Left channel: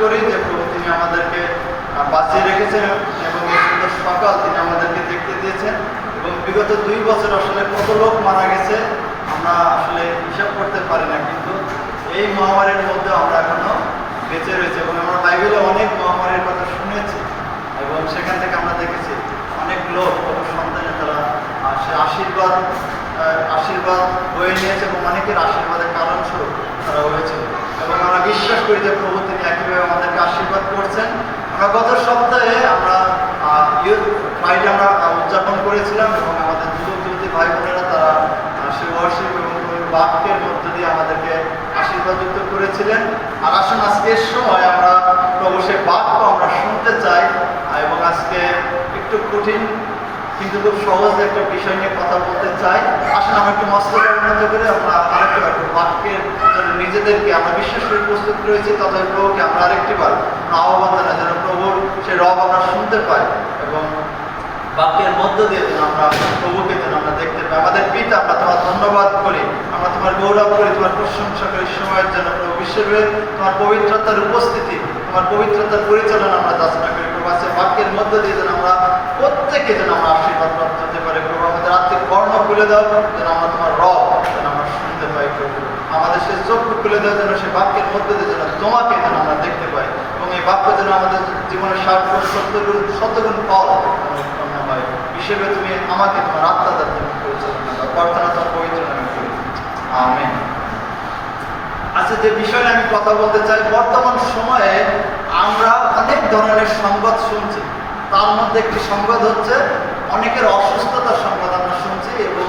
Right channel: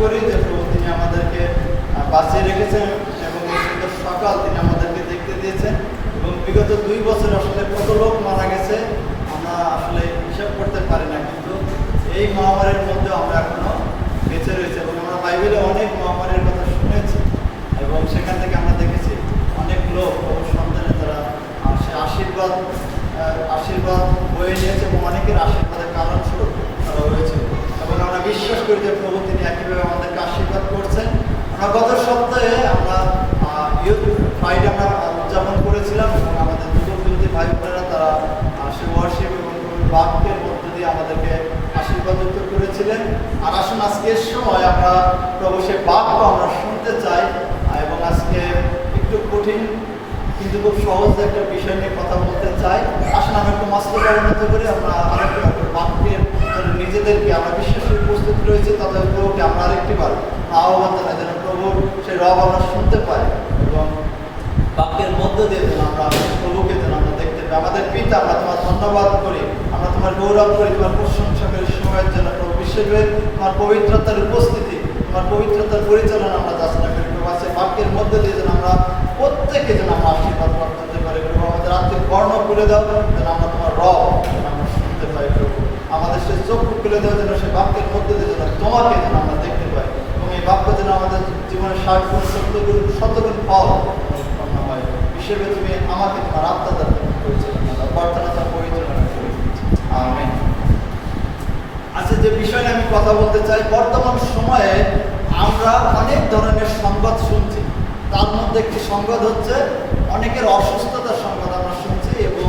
করি যে প্রভু তিনি আমাদেরকে বাঁচিয়ে রেখেছেন এবং এই সুন্দর সকাল তিনি আমাদেরকে দেখতে দিয়েছেন। এবং বিগত 2 বছর আসলে কত লোক মারা গেছে আমরা আসলে হিসাব করতে পারি না, কিন্তু এই মহামারীর মধ্যে আমরা এখনো বেঁচে রয়েছে। এবং আমরা বাইবেলে অনেক মহামারীর কথা শুনেছি এবং সেখান থেকে আমরা দেখেছি অনেক লোক সন্তানে তারা আশীর্বাদ বয়ে নিয়েছে এবং অনেকের আশীর্বাদের কারণস্বরূপ তারা হয়েছে। এবং আমরা বিশ্বাস করি যে প্রভু তিনি একইভাবে আমাদেরকে আশীর্বাদ করছেন। আমরা গত সপ্তাহে আমরা ইউথ ফ্রাইডে আমরা উদযাপন করেছিলাম এবং আমাদের যুবক ভাই বোনেরা তারা সে ওয়ার্শিপ এবং বাক্যের মধ্য দিয়ে আমাদেরকে আশীর্বাদযুক্ত করেছিলেন। আর আসুন আজকের সময় আমরা প্রভু সে বাক্য আমরা শুনতে চাই এবং আজকে একটু কঠিন কিন্তু খুব সহজ একটা বিষয় নিয়ে কথা বলতে চাই। আসুন আমরা একটু মস্তকে উন্নত করে আমরা আরেকটু বাক্যের জন্য নিজেদেরকে আমরা বিশ্বাস করে প্রস্তুত রয়েছি, তবে প্রভুকে আমরা আরেকটিবার আহ্বান জানাই যেন প্রভুর সে রব আমরা শুনতে পাই এবং বাক্যের মধ্য দিয়ে যেন আমরা প্রভুকে যেন আমরা দেখতে পাই। আমাদের পিতা, আমরা তোমার ধন্যবাদ করি, আমরা তোমার গৌরব করি, তোমার প্রশংসা করি সময়ের জন্য প্রভু। বিশ্বের তোমার পবিত্রতার উপস্থিতি, তোমার পবিত্রতার পরিচালনা আমরা যাচনা করি প্রভু। আছে বাক্যের মধ্য দিয়ে যেন আমরা প্রত্যেকে যেন আমরা আশীর্বাদ প্রাপ্ত হতে পারি প্রভু। আমাদের আত্মিক কর্ণ খুলে দাও যেন আমরা তোমার রব যেন আমরা শুনতে পাই প্রভু। আমাদের সে চক্ষু খুলে দেওয়া যেন সে বাক্যের মধ্যে দিয়ে যেন তোমাকে যেন আমরা দেখতে পাই এবং এই বাক্য যেন আমাদের জীবনে 60 শতগুণ ফল হয় হিসেবে তুমি আমাকে তোমার আত্মা দ্বারা পরিচালনা দাও। প্রার্থনা তোমার পবিত্র নামে করি, আমেন। আচ্ছা, যে বিষয়ে আমি কথা বলতে চাই, বর্তমান সময়ে আমরা অনেক ধরনের সংবাদ শুনছি। তার মধ্যে একটি সংবাদ হচ্ছে অনেকের অসুস্থতার সংবাদ আমরা শুনছি এবং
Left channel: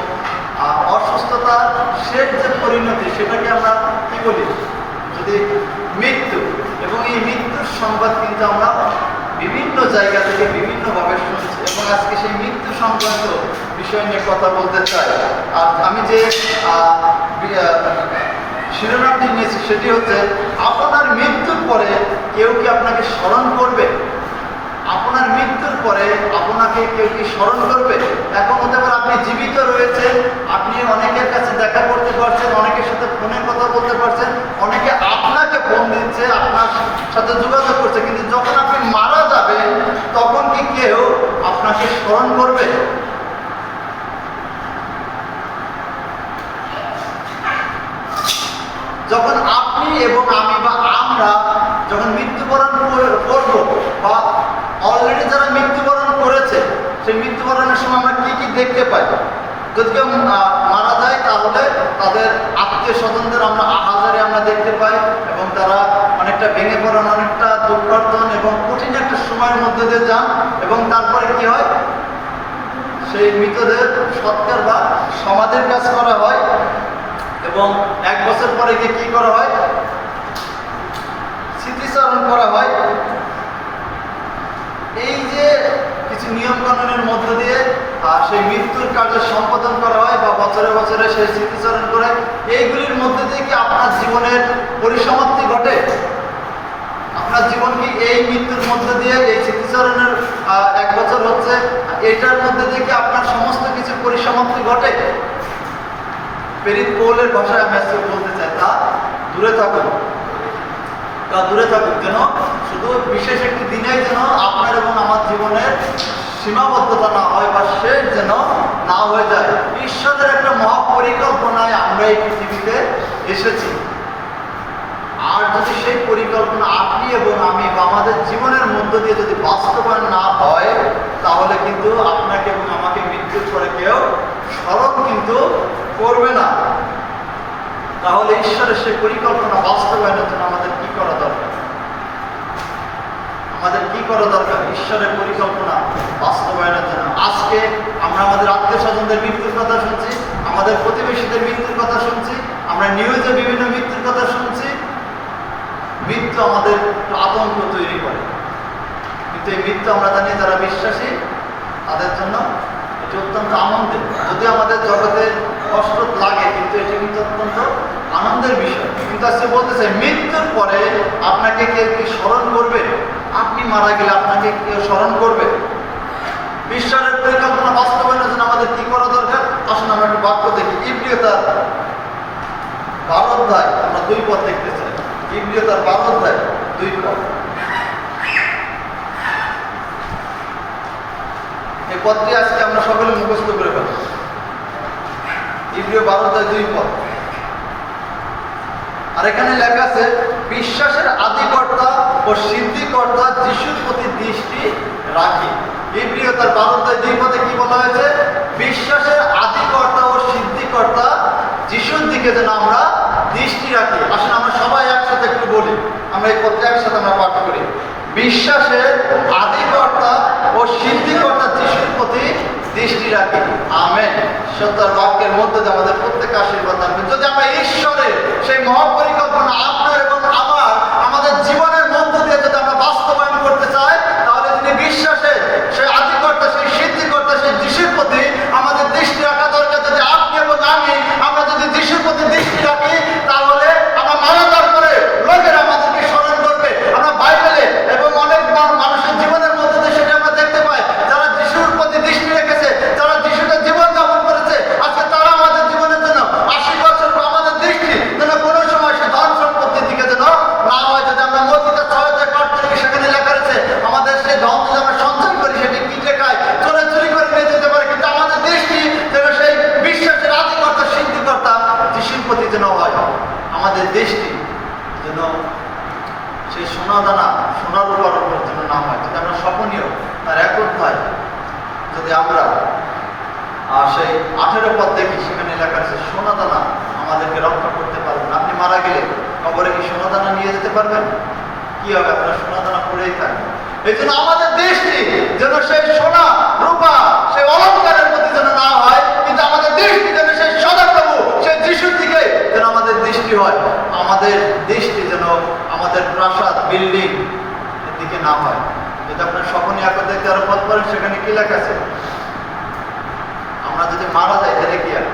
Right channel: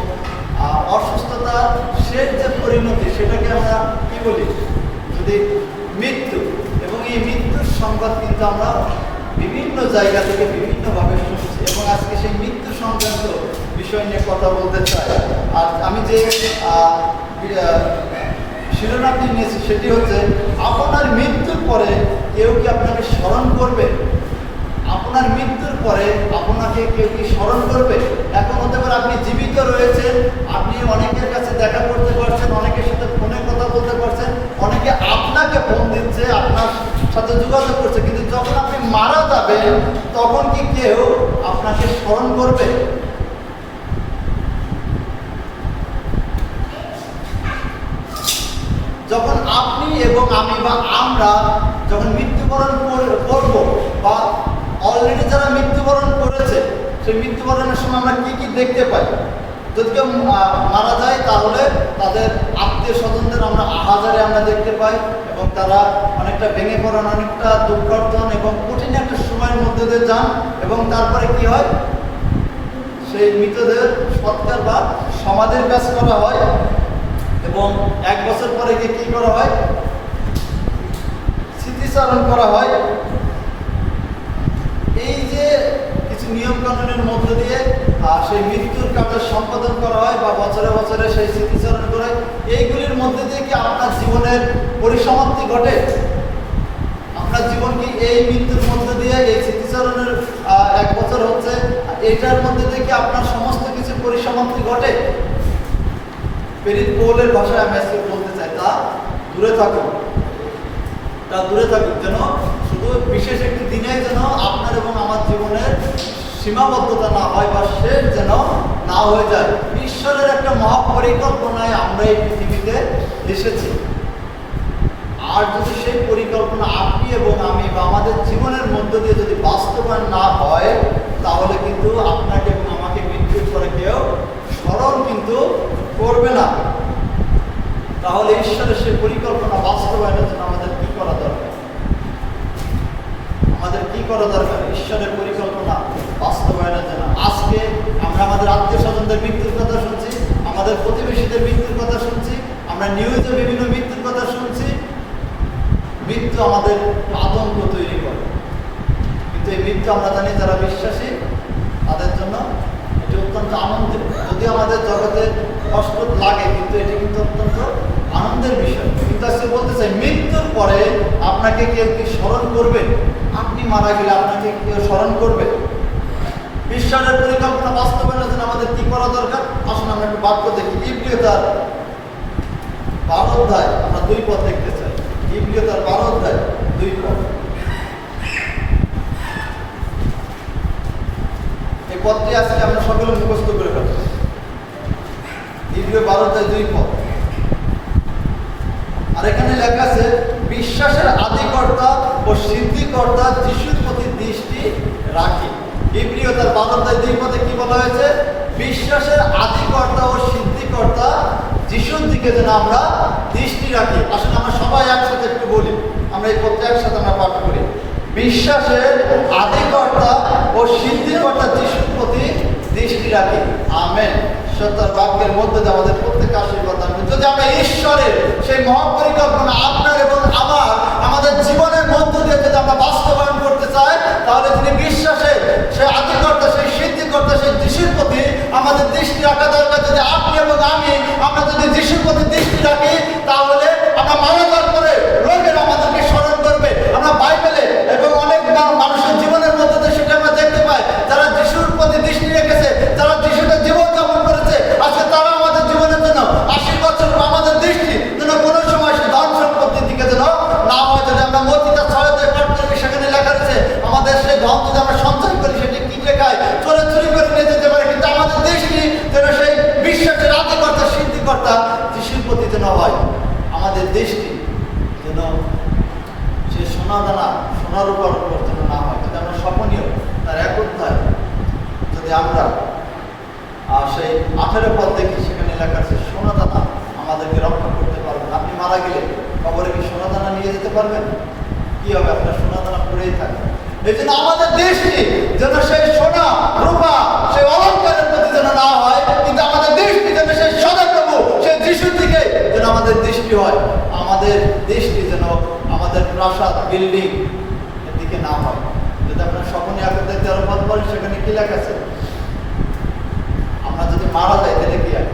অসুস্থতার শেষ যে পরিণতি সেটাকে আমরা কি বলি, যদি মৃত্যু। এবং এই মৃত্যুর সংবাদ কিন্তু আমরা বিভিন্ন জায়গা থেকে বিভিন্নভাবে শুনছি এবং আজকে সেই মৃত্যু সংক্রান্ত বিষয় নিয়ে কথা বলতে চাই। আর আমি যে শিরোনামটি নিয়েছি সেটি হচ্ছে আপনার মৃত্যুর পরে কেউ কি আপনাকে স্মরণ করবে? আপনার মৃত্যুর পরে আপনাকে কেউ কি স্মরণ করবে? এখন হতে পারে আপনি জীবিত রয়েছেন, আপনি অনেকের কাছে দেখা করতে পারছেন, অনেকের সাথে ফোনে কথা বলতে পারছেন, অনেকে আপনাকে ফোন দিচ্ছে, আপনার সাথে যোগাযোগ করছে, কিন্তু যখন আপনি মারা যাবেন তখন কি কেউ আপনাকে স্মরণ করবে? যখন আপনি এবং আমি বা আমরা যখন মৃত্যুবরণ করব বা অলরেডি যারা মৃত্যুবরণ করেছে সেই মৃত্যুবরণের সময় আমরা কি কি দেখতে পাই? যদি কেউ মারা যায় তাহলে তাদের আত্মীয় স্বজনদের আমরা আহাজারি আমরা দেখতে পাই এবং তারা অনেকটা ভেঙে পড়েন, অনেকটা দুঃখার্থন এবং কঠিন একটা সময়ের মধ্যে দিয়ে যান। এবং তারপরে কি হয়, সেই মৃতদের সৎকার বা সমাধির কাজ করা হয় এবং 1 বছর পরে গিয়ে কি করা হয়, স্মৃতিচারণ করা হয়। এই যে কিছু নিয়ম কানুনের মধ্য দিয়ে সেই মৃত্যুর কার্য সম্পাদন করা হয় বা বছরে বছরে সেই স্মৃতিচারণ করে, এইগুলির মধ্যে দিয়ে কি আপনার জীবনের পরিসমাপ্তি ঘটে? আপনার জীবন কি এই মৃত্যুর মধ্য দিয়ে, এই স্মৃতিচারণের 1 বছর হচ্ছে, এটার মধ্যে দিয়ে কি আপনার সমস্ত কিছু পরিসমাপ্তি ঘটে? প্রেরিত পৌলের ভাষায় আমি আজকে বলতে চাই, তা দূরে থাকুন, যেন শুধু বিশেষ একটি দিনে যেন আপনার এবং আমার জীবনের সীমাবদ্ধতা না হয় বা শেষ যেন না হয়ে যায়। ঈশ্বরের একটা মহাপরিকল্পনায় আমরা এই পৃথিবীতে এসেছি। আর যদি সেই পরিকল্পনা আপনি এবং আমি বা আমাদের জীবনের মধ্য দিয়ে যদি বাস্তবায়ন না হয়, তাহলে কিন্তু আপনাকে এবং আমাকে মৃত্যুর পরে কেউ স্মরণ কিন্তু করবে না। তাহলে ঈশ্বরের সেই পরিকল্পনা বাস্তবায়নের জন্য আমাদের কি করা দরকার? ঈশ্বরের পরিকল্পনা বাস্তবায়নের জন্য আজকে আমরা আমাদের আত্মীয় স্বজনদের মৃত্যুর কথা শুনছি, আমাদের প্রতিবেশীদের মৃত্যুর কথা শুনছি, আমরা নিউজে বিভিন্ন মৃত্যুর কথা শুনছি। মৃত্যু আমাদের আতঙ্ক তৈরি করে, কিন্তু এই মৃত্যু আমরা জানি যারা বিশ্বাসী তাদের জন্য এটি অত্যন্ত আনন্দের। যদি আমাদের জগতে কষ্ট লাগে, কিন্তু এটি কিন্তু অত্যন্ত আনন্দের বিষয়। কিন্তু আজকে বলতে চাই, মৃত্যুর পরে আপনাকে কেউ কি স্মরণ করবে? আপনি মারা গেলে আপনাকে কেউ স্মরণ করবে? ঈশ্বরের পরিকল্পনা বাস্তবায়নের জন্য আমাদের কি করা দরকার? আসুন আমরা একটু বাক্য দেখি। ইব্রিয় তার 12 অধ্যায় আমরা 2 পদ দেখতে চাই। ইব্রিয় তার 12 অধ্যায় 2 পদ। এই পদটি আজকে আমরা সকলে মুখস্থ করে ফেলব। ইব্রিয় 12:2 পদ। আর এখানে লেখা আছে, বিশ্বাসের আদিকর্তা ও সিদ্ধিকর্তা যিশুর প্রতি দৃষ্টি রাখি। ইব্রিয় তার 12:2 পদে কি বলা হয়েছে? বিশ্বাসের আদিকর্তা ও সিদ্ধিকর্তা যিশুর দিকে যেন আমরা দৃষ্টি রাখি। আসলে আমরা সবাই একসাথে একটু বলি, আমরা এই পদটা একসাথে আমরা পাঠ করি। বিশ্বাসের আদিকর্তা ও সিদ্ধিকর্তা যিশুর প্রতি দৃষ্টি রাখি। আমেন। সত্য বাক্যের মধ্যে দিয়ে আমাদের প্রত্যেক আশীর্বাদ আনবেন। যদি আমরা ঈশ্বরের সেই মহাপরিকল্পনা আপনার এবং আমাদের জীবনের মধ্য দিয়ে যদি আমরা বাস্তবায়ন করতে চাই, তাহলে তিনি বিশ্বাসের সেই আদিকর্তা, সেই সিদ্ধিকর্তা, সেই যিশুর প্রতি আমাদের দৃষ্টি রাখা দরকার। যদি আপনি এবং আমরা যদি যিশুর প্রতি দৃষ্টি রাখি, তাহলে আমরা মারা যাওয়ার পরে লোকেরা আমাদেরকে স্মরণ করবে। আমরা বাইবেলে এবং অনেক মানুষের জীবনের মধ্যে দিয়ে সেটা আমরা দেখতে পাই, যারা যিশুর প্রতি দৃষ্টি রেখেছে, যারা যিশুতে জীবন যাপন করেছে, আজকে তারা আমাদের জীবনের জন্য আশীর্বাদ স্বরূপ আমাদের দৃষ্টি যেন কোনো সময় সে ধন সম্পত্তির দিকে যেন না হয়। যদি আমরা মতিতা ছড়াতে পাঠ করি, সেখানে লেখা রয়েছে আমাদের সেই ধন যদি আমরা সঞ্চয় করি, সেটি কিনে খাই, চোরে চুরি করে নিয়ে যেতে পারে, কিন্তু আমাদের দৃষ্টি যেন সেই বিশ্বাসের আদিকর্তা, সিদ্ধিকর্তা যিশুর প্রতি যেন হয়। আমাদের দৃষ্টি যেন সেই সোনা দানা, সোনার উপর যেন না হয়। যদি আমরা স্বপনীয় তার এক অধ্যায় যদি আমরা সেই 18 পদ দেখি, সেখানে লেখা আছে সোনা দানা আমাদেরকে রক্ষা করতে পারবেন। আপনি মারা গেলে কবরে কি সোনা দানা নিয়ে যেতে পারবেন? কি হবে? আপনার সোনা দানা পড়েই থাকে। এই জন্য আমাদের দৃষ্টি যেন সেই সোনা রূপা, সেই অলঙ্কারের প্রতি যেন না হয়, কিন্তু আমাদের দৃষ্টি যেন সেই সদাপ্রভু, সেই যিশুর দিকে যেন আমাদের দৃষ্টি হয়। আমাদের দৃষ্টি যেন আমাদের প্রাসাদ, বিল্ডিং এর দিকে না হয়। যদি আপনার স্বপনে একদা 13 পদ পড়েন, সেখানে কি লেখা আছে? আমরা যদি মারা যাই, তাহলে কি আর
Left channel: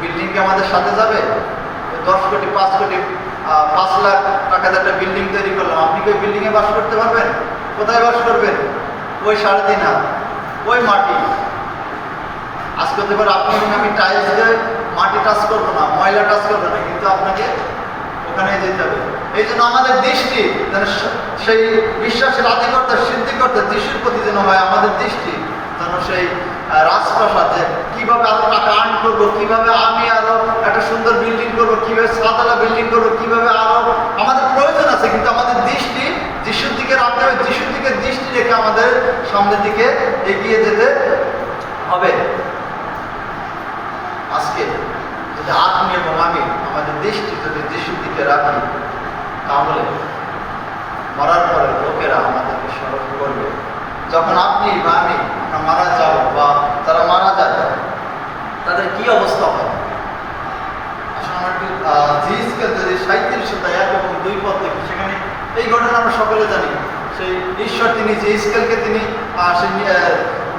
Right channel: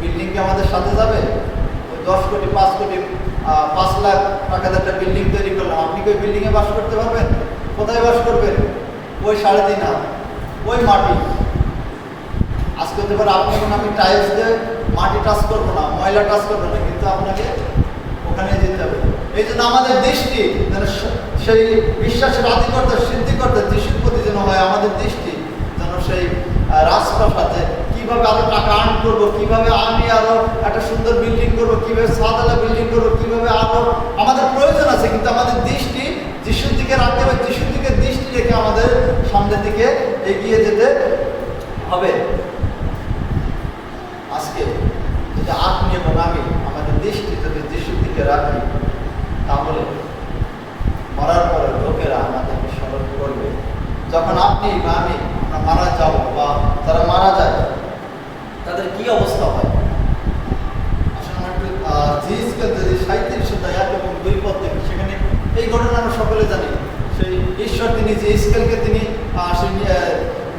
বিল্ডিং কি আমাদের সাথে যাবে? 10 কোটি, 5 কোটি, 5 লাখ টাকার একটা বিল্ডিং তৈরি করলাম, আপনি কি ওই বিল্ডিংয়ে বাস করতে পারবেন? কোথায় বাস করবেন? ওই 3.5 হাত, ওই মাটি। আজকে হতে পারে আপনি আমি টাইলস দিয়ে মাটি টাচ করবো না, ময়লা টাচ করবো না, কিন্তু আপনাকে ওখানে যেতে হবে। এই জন্য আমাদের দৃষ্টি যেন সেই বিশ্বাসের আদিকর্তা, সিদ্ধিকর্তা যিশুর প্রতি যেন হয়। আমাদের দৃষ্টি যেন সেই রাজপ্রাসাদে কিভাবে আরো টাকা আর্ন করবো, কিভাবে আমি আরো একটা সুন্দর বিল্ডিং করবো, কিভাবে সাদালা বিল্ডিং করবো, কিভাবে আরো আমাদের প্রয়োজন আছে, কিন্তু আমাদের দৃষ্টি যিশুর দিকে রাখতে হবে। যিশুর দিকে দৃষ্টি রেখে আমাদের সামনের দিকে এগিয়ে যেতে হবে। আজকে যদি আপনি এবং আমি আমাদের দৃষ্টি যদি যিশুর দিকে রাখি, তাহলে মরার পরে লোকেরা আমাদেরকে স্মরণ করবে। যখন আপনি বা আমি মারা যাব বা তারা মারা যায়, তাদের কি অবস্থা হয়? আসলে আমরা একটু জিএসকেল যদি 37:1 এবং 2 পদ দেখি, সেখানে এই ঘটনা আমরা সকলে জানি। সেই ঈশ্বর তিনি জিএসকেলকে তিনি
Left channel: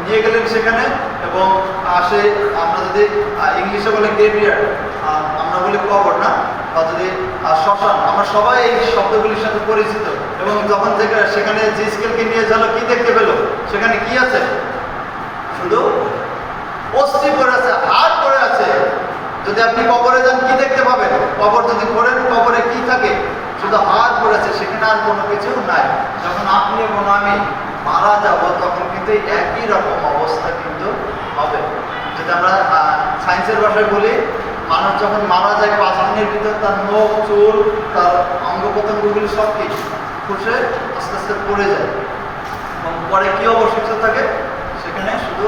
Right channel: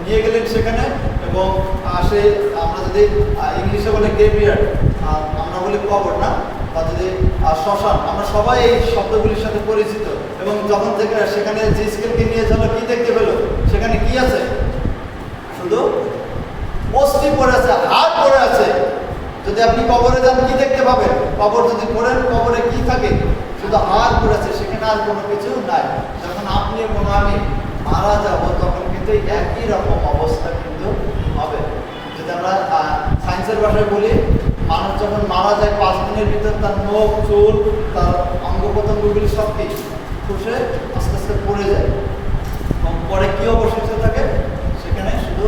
নিয়ে গেলেন সেখানে, এবং সে আমরা যদি ইংলিশে বলে গ্রেভিয়ার্ড, আমরা বলি কবর না, বা যদি শ্মশান, আমরা সবাই এই শব্দগুলির সাথে পরিচিত। এবং যখন থেকে সেখানে জিএসকেলকে নিয়ে গেল, কি দেখতে পেল? সেখানে কি আছে? শুধু অস্থি পড়ে আছে, হাড় পড়ে আছে। যদি আপনি কবরে যান, কি দেখতে পাবেন? কবর যদি পড়েন, কবরে কি থাকে? শুধু হাড় পড়ে আছে, সেখানে আর কোনো কিছু নাই। যখন আপনি এবং আমি মারা যাব, তখন কিন্তু একই রকম অবস্থা কিন্তু হবে। যদি আমরা সায়েন্সের ভাষায় বলি, মানুষ যখন মারা যায় 5 দিনের ভিতর তার নখ, চুল, তার অঙ্গ প্রত্যঙ্গগুলি সব কিছু খসে আস্তে আস্তে পড়ে যায়, এবং পরে কি অবশিষ্ট থাকে? সেখানে শুধু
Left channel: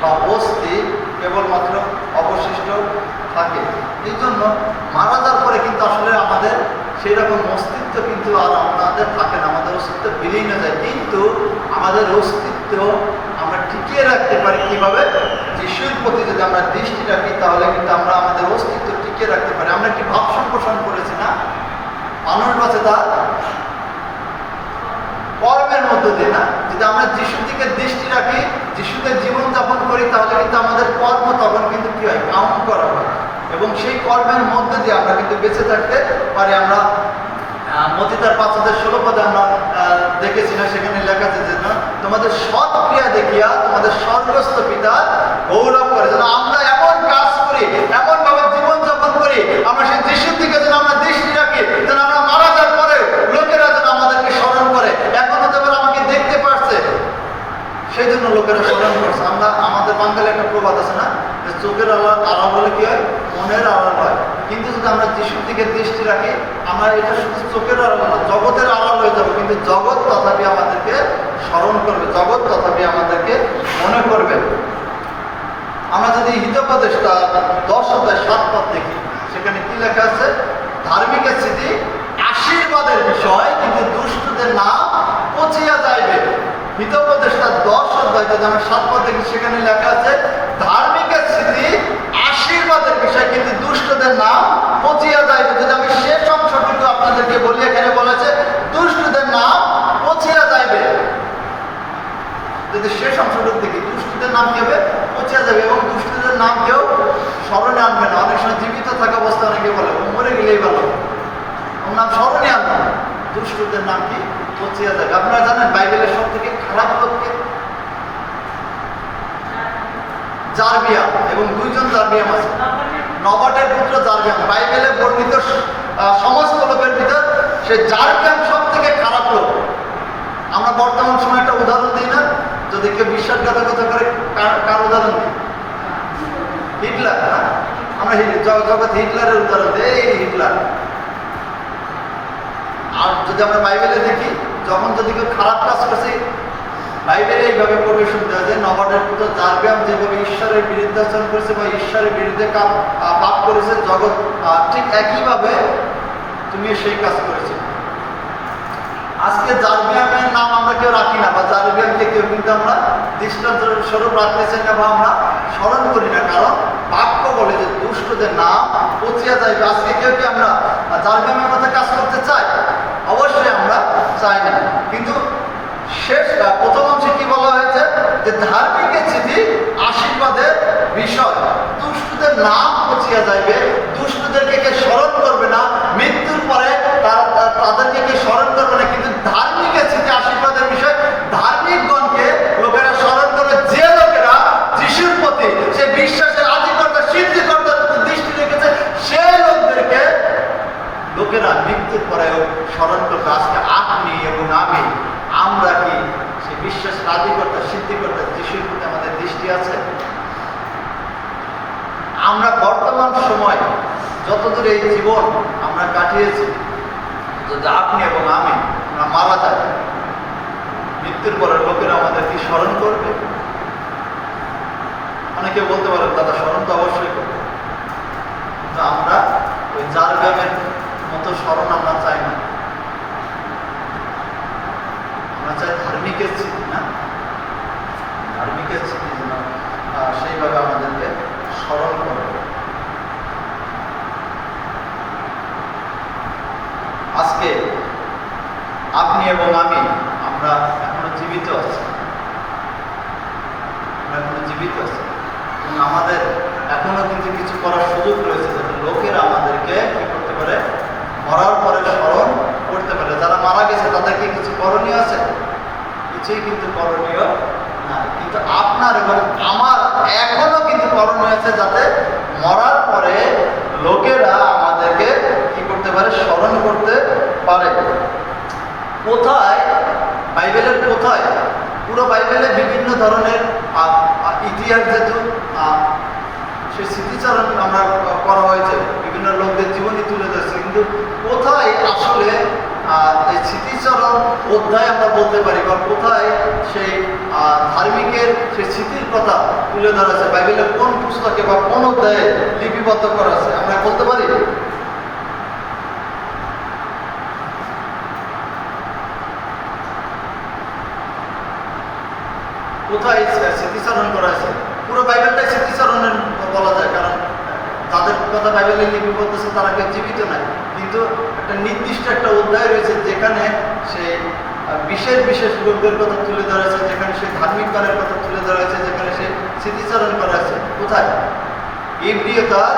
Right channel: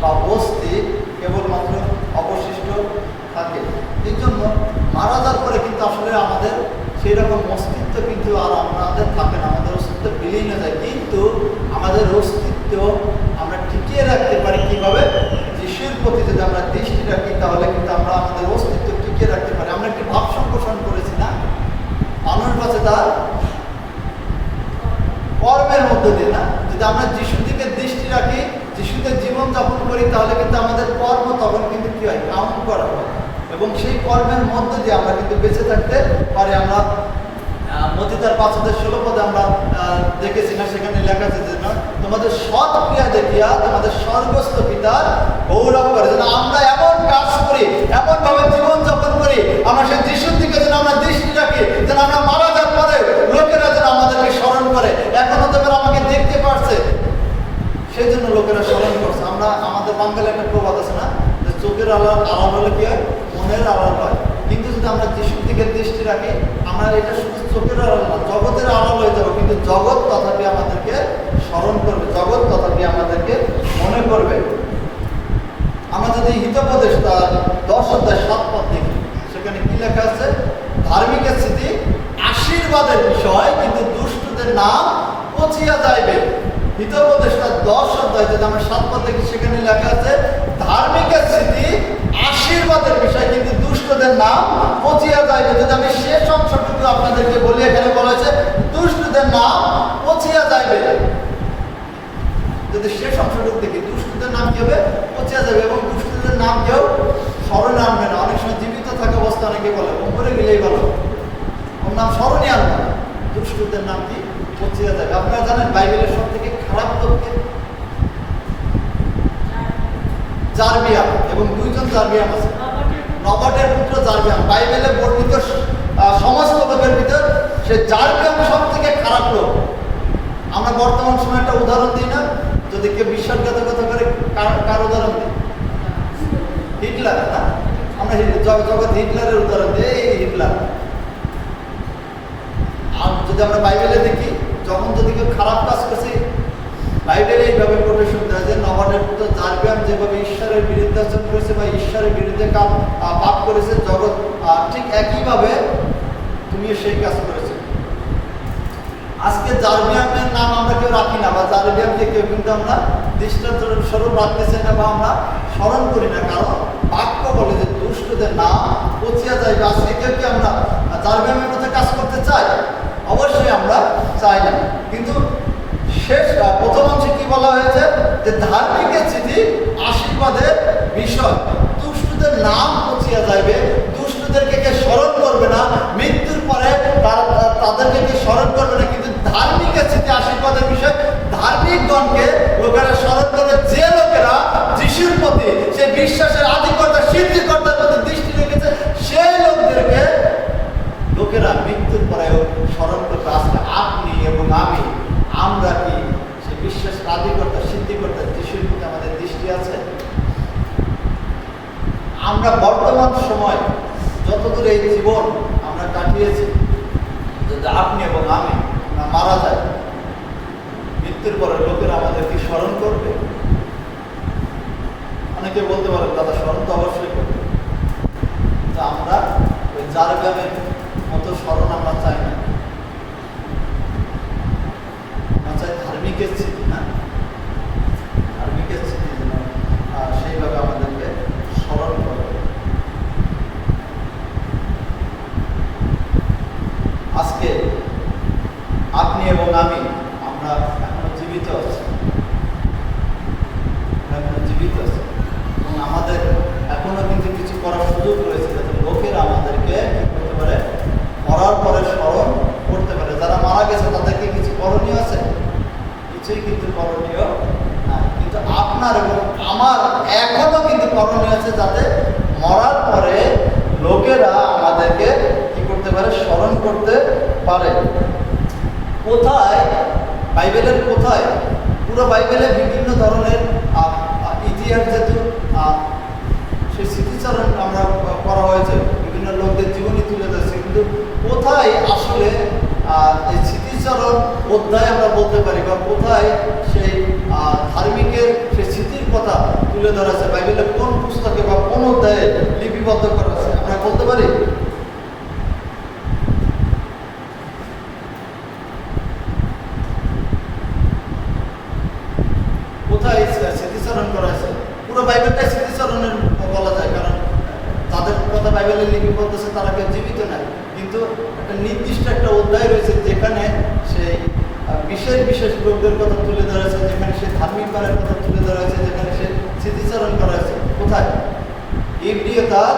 বা অস্থি কেবলমাত্র অবশিষ্ট থাকে। এই জন্য মারা যাওয়ার পরে কিন্তু আসলে আমাদের সেই রকম অস্তিত্ব কিন্তু আর আমাদের থাকে না, আমাদের অস্তিত্ব বিলীন হয়ে যায়। কিন্তু আমাদের অস্তিত্ব আমরা টিকিয়ে রাখতে পারি কিভাবে? যিশুর প্রতি যদি আমরা দৃষ্টি রাখি, তাহলে কিন্তু আমরা আমাদের অস্তিত্ব টিকিয়ে রাখতে পারি। আমরা একটি ভাব সম্প্রসারণ করেছি না, মানুষ বাঁচে তার কর্মের মধ্য দিয়ে না। যদি আমরা যিশুর দিকে দৃষ্টি রাখি, যিশুতে জীবনযাপন করি, তাহলে কিন্তু আমাদের কর্ম তখন কিন্তু কি হয়? কাউন্ট করা হয়, এবং সেই কর্মের মধ্যে দিয়ে আমরা কিন্তু বেঁচে থাকতে পারি। আমরা মতিতার 5:16 পদে আমরা দেখেছি না, সেখানে লেখা আছে যে না, তোমাদের সৎ ক্রিয়া দেখিয়া তোমাদের স্বর্গস্থ পিতা গৌরব করে। যেন আমরা এমন কাজ করি, এমন ভাবে জীবনযাপন করি, আমরা সেই যিশুর দিকে যেন আমরা দৃষ্টি রাখি, যেন আমরা মারা যাওয়ার পরে লোকেরা যেন আমাদেরকে স্মরণ করে। এখন হতে পারে আমাকে দেখতে পারছে, সেই জন্য লোকেরা স্মরণ করছে। আমরা আমাদের বাঙালি একটা প্রবাদ আছে না, যে চোখের আড়াল হলে কি হয়, মনের আড়াল হয়। কিন্তু যদি আমরা যিশুর দিকে দৃষ্টি রাখি, আমরা এটা শুধু চোখের আড়াল না, জগতের আড়াল হয়ে যাবো, কিন্তু জগৎ তথাপি আমাদেরকে স্মরণ করবে, জগৎ তথাপি আমাদেরকে মনে করবে। আমরা যদি হিতোপদেশটা 10 অধ্যায় 7 পদ দেখি, সেখানে কি লেখা আছে? ধার্মিকের স্মৃতি আশীর্বাদের বিষয়, কিন্তু দুষ্টদের নাম পচিয়া যাইবে। হিতোপদেশটা 10 অধ্যায় যদি আমরা 7 পদ দেখি, সেখানে লেখা আছে ধার্মিকের স্মৃতি আশীর্বাদের বিষয়, কিন্তু দুষ্টদের নাম পচিয়া যাইবে। যদি আমি শেষ অংশটুকু আপনাদেরকে বলি, এখানে বলেছে দুষ্টদের নাম পচিয়া যাইবে। যদি শেষ অংশটুকু দেখি, দুষ্টদের নাম কি হবে? পচিয়া যাবে। এবং দুষ্টদের নাম কেউ স্মরণে আনবে না। অনেক সময় জীবিত থাকা অবস্থা অনেকে বলে মরে গেলেই ভালো, ওর নাম স্মরণে আনবে না। দুষ্টদের নাম কি? পচিয়া যাবে। আপনারা জানেন বাইবেলের সব থেকে খারাপ লোককে? জারবিয়াম, এবং 2 জন জারবিয়াম আছে। নবাটের পুত্র জারবিয়াম। বাইবেলে বর্ণিত সমস্ত লোকের ভিতর সে জারবিয়াম সব থেকে খারাপ লোক। আমরা বর্তমান সময় একটা উদাহরণ দিই না, যদি কেউ বিশ্বাসঘাতকতা করে, কার উদাহরণ দিই? হিটলার। না, আমরা জগৎ হিটলারের উদাহরণ দিই, এই হিটলার। আর যদি আমরা বাইবেলে দেখি, যখন যদি কেউ খারাপ কাজ করছে, বাইবেলে এইভাবে প্রবেশন দেওয়া যায়, নবাটের পুত্র জারবিয়াম যেভাবে ঈশ্বরের বিরুদ্ধে আচরণ করেছে বা ঈশ্বরের বিরুদ্ধে পাপ করেছে, জগৎ ঠিক একইভাবে তুমি সেই কাজ করেছে। আজকে জারবিয়ামের নাম আমরা কেউ রাখি না, বা জারবিয়ামকে কেউ কিন্তু আমরা দৃষ্টান্ত স্বরূপ রাখতেছি না, বা আমরা স্মরণ করি না। কারণ বাক্য বলে যে দুষ্টদের নাম পচিয়া যাইবে। আজকে কেউ কি আমরা জারবিয়ামের মধ্যে কাজ করতে চাই? অবশ্যই আমরা চাই না। কিন্তু প্রথম অংশে কি বলা হয়েছে? যে ধার্মিকের স্মৃতি আশীর্বাদের বিষয়, দুষ্টদের নাম পচিয়া যাইবে। দুষ্টদেরকে কে স্মরণ করবে না, মৃত্যুর পরে তাদেরকে কে স্মরণ করবে না, কিন্তু ধার্মিকের স্মৃতি আশীর্বাদের বিষয়। ধার্মিকগণকে লোকেরা স্মরণ করবে, যে লোকেরা যিশুর প্রতি সে বিশ্বাসের আদিকর্তা সিদ্ধিকর্তার প্রতি দৃষ্টি রেখেছে, সেই লোকদেরকে লোকেরা মৃত্যুর পরে স্মরণ করবে। আজকে আপনি এবং আমি, আমরা কি সেই বিশ্বাসের আদিকর্তা সিদ্ধিকর্তা যিশুর প্রতি আমাদের দৃষ্টি আছে? আমরা বর্তমান সময় যতদূর এই জীবন আমরা কাটিয়েছি, যদি আপনি এবং আমি আমরা মারা যাই, মৃত্যুর পরে লোকেরা আমাদের কি স্মরণ করবে? অনেকে বলতে পারেন দাদা স্মরণ তো অবশ্যই করবে, কিন্তু আমরা ওই জারবিয়ামের মতো স্মরণ আমরা চাই না। আমরা চাই ধার্মিকের স্মৃতি, না ধার্মিকের স্মৃতি যেন সেইভাবে আমাদেরকে স্মরণ করে। আজকে আপনি এবং আমি, আমরা এখনো জীবিত আছি, এবং আমাদের এখনো কিন্তু কিছু করার সুযোগ রয়েছে, যাতে লোকেরা আমাদেরকে কি করতে পারে? মরার পরে স্মরণ করতে পারে। যারা মারা গেছে তাদেরকে কিছু করণীয় আছে? কিছুই কিন্তু করণীয় না। কিন্তু আপনার এবং আমার এখনো কিন্তু করণীয় আছে, যাতে মরার পরে লোকেরা আমাদেরকে কি করতে পারে? স্মরণ করতে পারে। কোথায়? বাইবেলের কোথায়? পুরো বাইবেলে বিভিন্ন ধরনের ইতিহাস, যেহেতু সেই স্মৃতিচারণ আমরা করা হয়েছে, বিভিন্ন লোকদের জীবনী তুলে ধরেছে, কিন্তু কোথায় আসলে এই স্মৃতিচারণ অধ্যায় আমরা বলতে পারি, বা কোথায় সেই ধার্মিকের সেই স্মৃতির কথা তুলে ধরা আছে? বাইবেলের কোন পুস্তকে বা কোন অধ্যায়ে লিপিবদ্ধ করা আছে আমরা বলতে পারি? কোথায় স্মৃতিচারণ করা আছে? পুরো বাইবেলটাই স্মৃতিচারণের বলা যায়, কারণ তাদের কথা বাইবেলে লিপিবদ্ধ আছে তারা কেউ জীবিত নাই, কিন্তু একটা নির্দিষ্ট একটা অধ্যায় রয়েছে যেখানে সেই বিশেষ লোকদের কথা তুলে ধরা হয়েছে, যেখানে সে ধার্মিক গানের কথা তুলে ধরা হয়েছে, যেখানে সে স্মৃতিচারণ করা হয়েছে। কোথায়? ইব্রিয় তার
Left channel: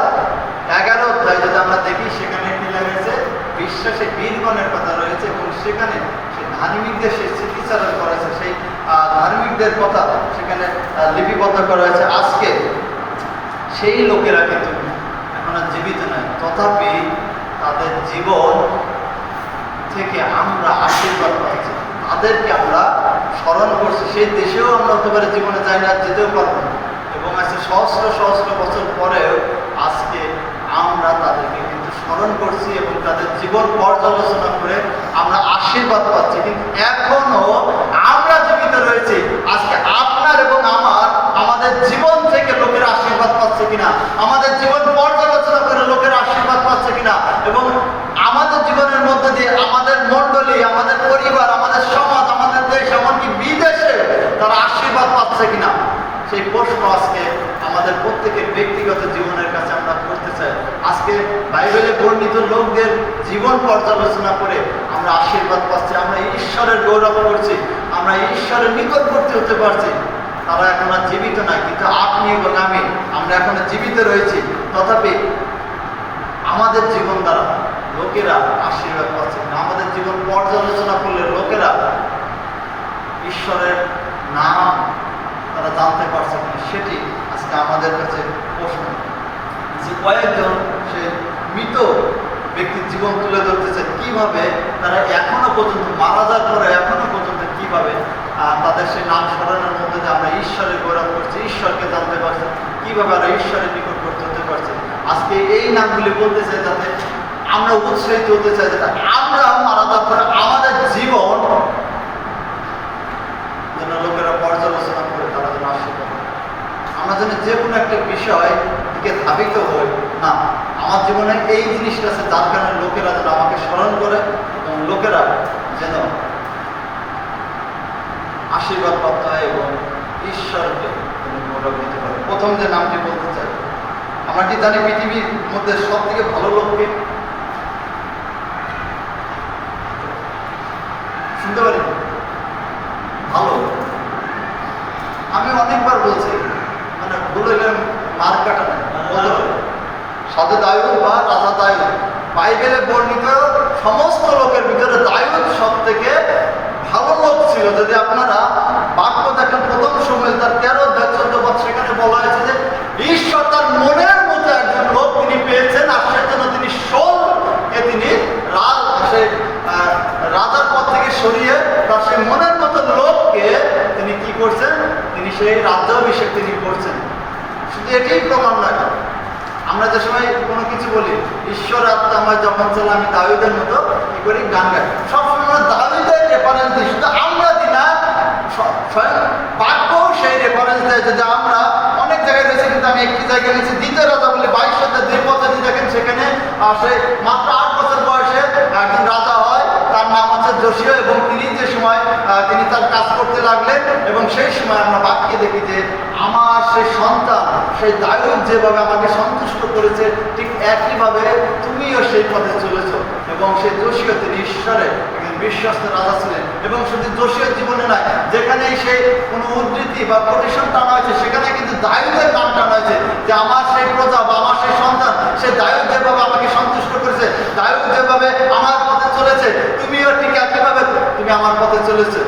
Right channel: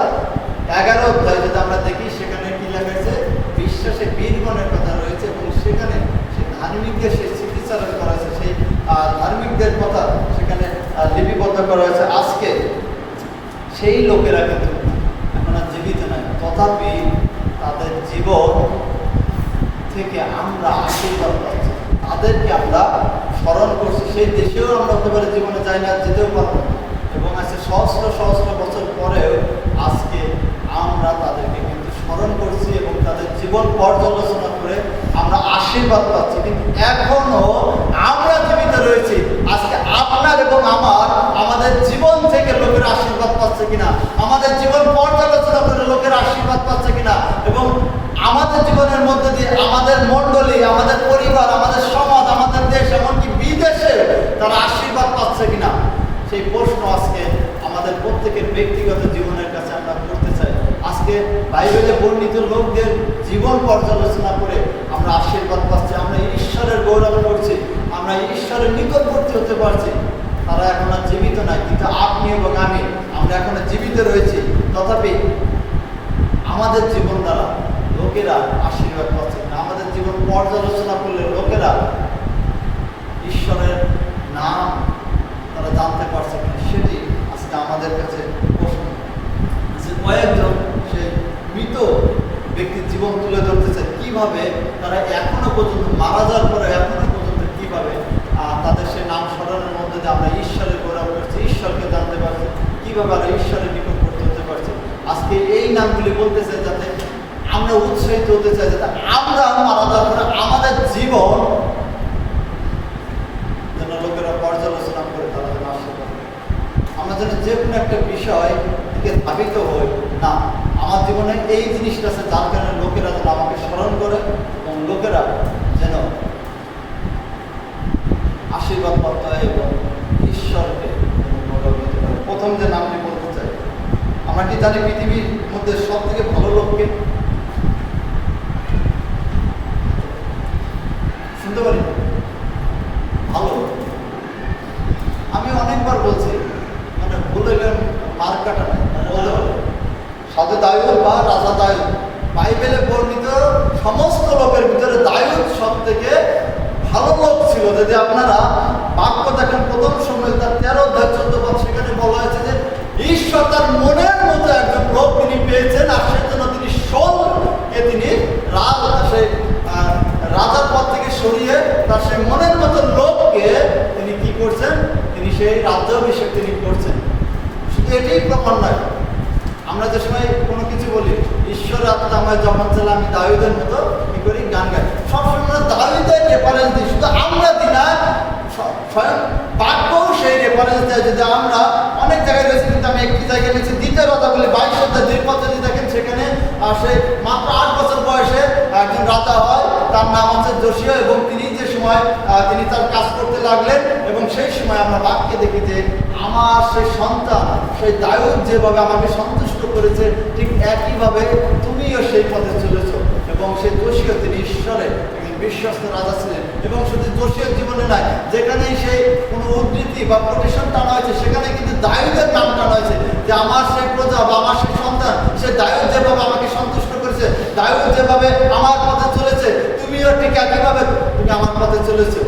11 অধ্যায় যদি আমরা দেখি, সেখানে কি লেখা আছে? বিশ্বাসে বীরগণের কথা রয়েছে, এবং সেখানে সেই ধার্মিকদের সেই স্মৃতিচারণ করা হয়েছে, সেই ধার্মিকদের কথা সেখানে লিপিবদ্ধ করা হয়েছে। আজকে সেই লোকেরা কিন্তু এখন আর জীবিত নয়, তথাপি তাদের জীবন থেকে আমরা আশীর্বাদ পাচ্ছি, তাদেরকে আমরা স্মরণ করছি, সেই দেশেও আমরা হতে পারে জীবনে যাই না, যেতেও পারবো না। এবং আজকে সহস্র সহস্র বছর পরেও আজকে আমরা তাদেরকে কিন্তু স্মরণ করছি এবং তাদের জীবন পর্যালোচনা করে আমরা আশীর্বাদ পাচ্ছি। কিন্তু এখনো আমরা জীবিত রয়েছি। আজকে আপনার এবং আমাদের জীবন থেকে লোকের আশীর্বাদ পাচ্ছে কিনা, আমাদের জীবন পর্যালোচনা করে লোকের আশীর্বাদ পাচ্ছে কিনা, এবং আমাদের জীবনের মধ্যে দিয়ে আমাদের মণ্ডলী, আমাদের পরিবার, আমাদের সমাজ, আমাদের দেশ, এমনকি বিদেশে তারা আশীর্বাদ পাচ্ছে কিনা, সেই প্রশ্ন আজকে আমাদের প্রত্যেকের ব্যক্তিগত জীবনের কাছে আমরা করতে চাই। আজকে বাইবেলে বর্ণিত লোকদের জীবন পর্যালোচনা করে আমরা আশীর্বাদ পাচ্ছি, আমরা ঈশ্বরের গৌরব করছি, আমরা ঈশ্বরের নিকটবর্তী হতে পারছি। তারা এখন আর জীবিত নাই, কিন্তু আপনি এবং আমরা এখনো জীবিত রয়েছি। তথাপি আমাদের জীবন দ্বারা লোকেরা আশীর্বাদ পাচ্ছে না, আমাদের জীবন পর্যালোচনা করলে লোকেরা ঈশ্বরের নাম তারা জানতে পারছে কিনা, সেটি আজকে আমাদের কাছে প্রশ্ন। যে কয়েকজন সে মৃত ব্যক্তির জীবন তুলে ধরতেছে, কিভাবে তারা এখনো পর্যন্ত মারা যাওয়ার পরে এখনো পর্যন্ত কিভাবে তাদের সেই নাম স্মরণের মধ্যে দিয়ে আমরা ঈশ্বরের গৌরব করছি, ঈশ্বরকে জানতে পারছি, কিভাবে আমরা ঈশ্বরের নিকটবর্তী হতে পারছি। আজকে এই নামগুলি বলতে চাই যাতে আমরা উৎসাহিত হতে চাই, যাতে আমরা মারা যাওয়ার পরে আমাদের জীবন যেন লোকেরা পর্যালোচনা করে তারা যেন আশীর্বাদ, আমরা যেন যে কোনো একটা বিষয় দিকে ধাবিত হই না, আমার জীবনে এই জিনিসটা আছে যার কারণে লোকেরা যেন আমাকে স্মরণ করে এবং লোকেরা যেন আশীর্বাদ প্রাপ্ত হয় এবং ঈশ্বরকে গৌরব দিতে পারে। প্রথম যে নামটি বলতে চাই, আমরা কি জানি পৃথিবীর মধ্যে সব থেকে ভালো লোককে? শুনতে পারি ভালো, আমি অনেকবার বলছি, মানে ভুলে গেলে মার কাটা সাধু দায়ুদ বা রাজা দায়ুদ, বাইবেলে বর্ণিত সমস্ত লোকের ভিতরে দায়ুদ সব থেকে ভালো লোক ছিল। যদি আপনারা বাক্য দেখেন প্রথম সময় তার 13 অধ্যায় 14 পদ, সেখানে বলা হয়েছে যে ঈশ্বর তার মনের মধ্যে একজন লোক তিনি পেয়েছেন, আর সেজন্য তিনি শোলকে তিনি রাজার পদ থেকে সরিয়ে তার সেই মনের মতো লোককে তিনি কি করছেন, তিনি সেই রাজ্যাভিষেক তিনি করছেন। শুধু এটাই প্রমাণ নয়, আমরা যে সময় কোনো কিছু বলি ঈশ্বর আত্মা আমার যখন চলে আমি দাউদের মতো কি করি গান গাই, সবসময় আমরা দাউদের রেফারেন্স দিই, শুধু আমরা দিই না, স্বয়ং বাক্যও সেই রেফারেন্স দেয়। যদি আমরা অনেক জায়গায় রয়েছে, কিন্তু আমি একটি জায়গায় রয়েছি দ্বিতীয় রাজা বলে 22 অধ্যায় 2 পদ দেখেন, সেখানে সে মাত্র 8 বছর বয়সে একজন রাজা হয়, তার নাম হচ্ছে যোশিয়া, এবং তিনি যে সময় তিনি তার কাজ করতে লাগলেন, এবং সেই সময় আমরা বাক্যে দেখি যে আমার সেই সন্তান সেই দায়ুদ যেভাবে আমাকে সন্তুষ্ট করেছে, ঠিক একইভাবে তুমিও সেই পথে চলেছ। এবং সেই যোশিয়া তিনি ঈশ্বরের বিশ্বস্ত রাজা ছিলেন। এবং শুধু যোশিয়ার জীবনে নয়, যেখানেই সে কোনো উদ্ধৃতি বা কোটেশন টানা হয়েছে, সেখানে কিন্তু দায়ুদের নাম টানা হয়েছে যে আমার সেই প্রজা বা আমার সেই সন্তান, সে দায়ুদ যেভাবে আমাকে সন্তুষ্ট করেছে, দায়ুদ যেভাবে আমার পথে চলেছে, তুমিও ঠিক একইভাবে তুমি আমার পথে চলেছে।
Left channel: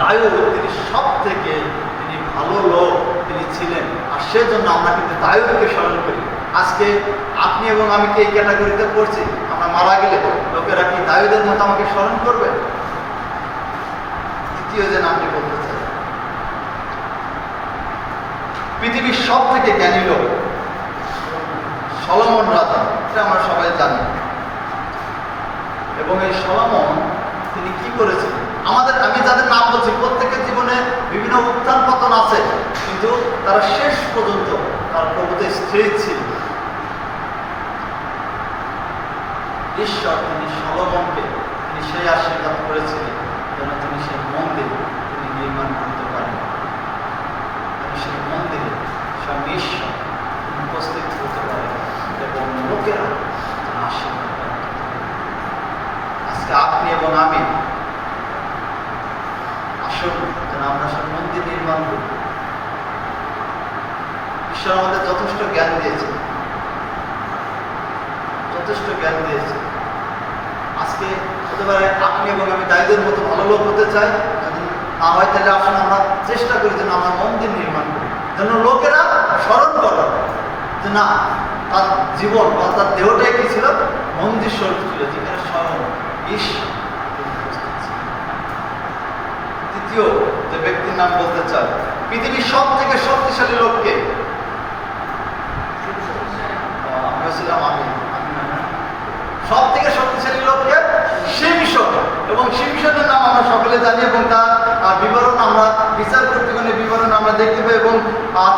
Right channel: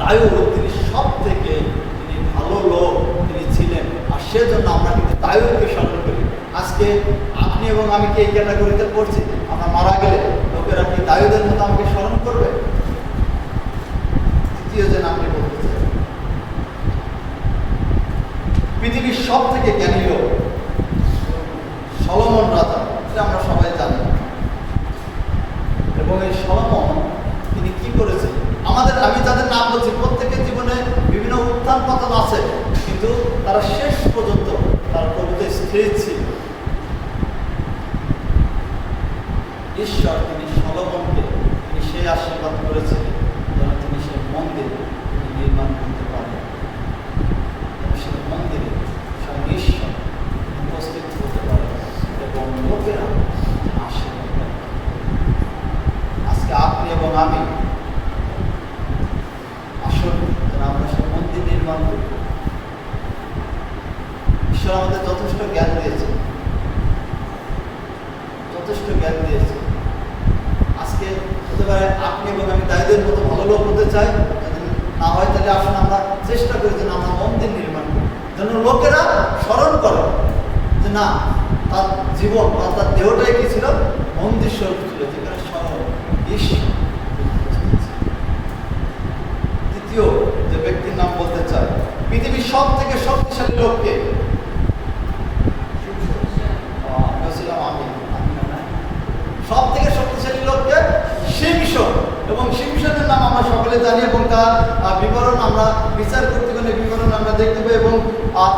দায়ুদ তিনি সব থেকে তিনি ভালো লোক তিনি ছিলেন, আর সেজন্য আমরা কিন্তু দায়ুদকে স্মরণ করি। আজকে আপনি এবং আমি কি এই ক্যাটাগরিতে পড়ছি? আমরা মারা গেলে লোকেরা কি দায়ুদের মতো আমাকে স্মরণ করবে? দ্বিতীয় যে নামটি বলতে চাই, পৃথিবীর সব থেকে জ্ঞানী লোক সলোমন রাজা, এটা আমরা সবাই জানি। এবং এই সলোমন তিনি কি করেছেন, আমি যাদের নাম বলছি প্রত্যেকের জীবনে বিভিন্ন উত্থান পতন আছে, কিন্তু তারা শেষ পর্যন্ত তার প্রভুতে স্থির ছিল। ঈশ্বর তিনি সলোমনকে তিনি সেই আশীর্বাদ করেছিলেন যেন তিনি সেই মন্দির তিনি নির্মাণ করতে পারেন, সেই মন্দিরে সব ঈশ্বর উপস্থিত হতে পারে এবং লোকেরা আশীর্বাদ পায়। আজকে আপনি এবং আমি আসুন যেন আমরা সব মন্দির নির্মাণ করি। ঈশ্বর আমাদের যথেষ্ট জ্ঞান দিয়েছে, যথেষ্ট জ্ঞান দিয়েছে। আজকে হতে পারে আপনি এবং আমি দায়ীদের মতো ভালো লোক হতে চাই, যদি না হয় তাহলে আসুন আমরা চেষ্টা করি যেন আমরা মন্দির নির্মাণ করি, যেন লোকেরা স্মরণ করো যে না, তার জীবন বা তার দেহটাই কি ছিল, মন্দির স্বরূপ ছিল, যেখানে স্বয়ং ঈশ্বর। দ্বিতীয় যে ব্যক্তির নাম বলতে চাই, পৃথিবীর সব থেকে শক্তিশালী লোককে, সব থেকে শক্তিশালী লোককে শিমশন, এবং শিমশনের নাম আমরা সকলে জানি, এবং তার বিবরণ আমরা বিচার কর্তৃগণের বিবরণ আমরা দেখতে পাই, এবং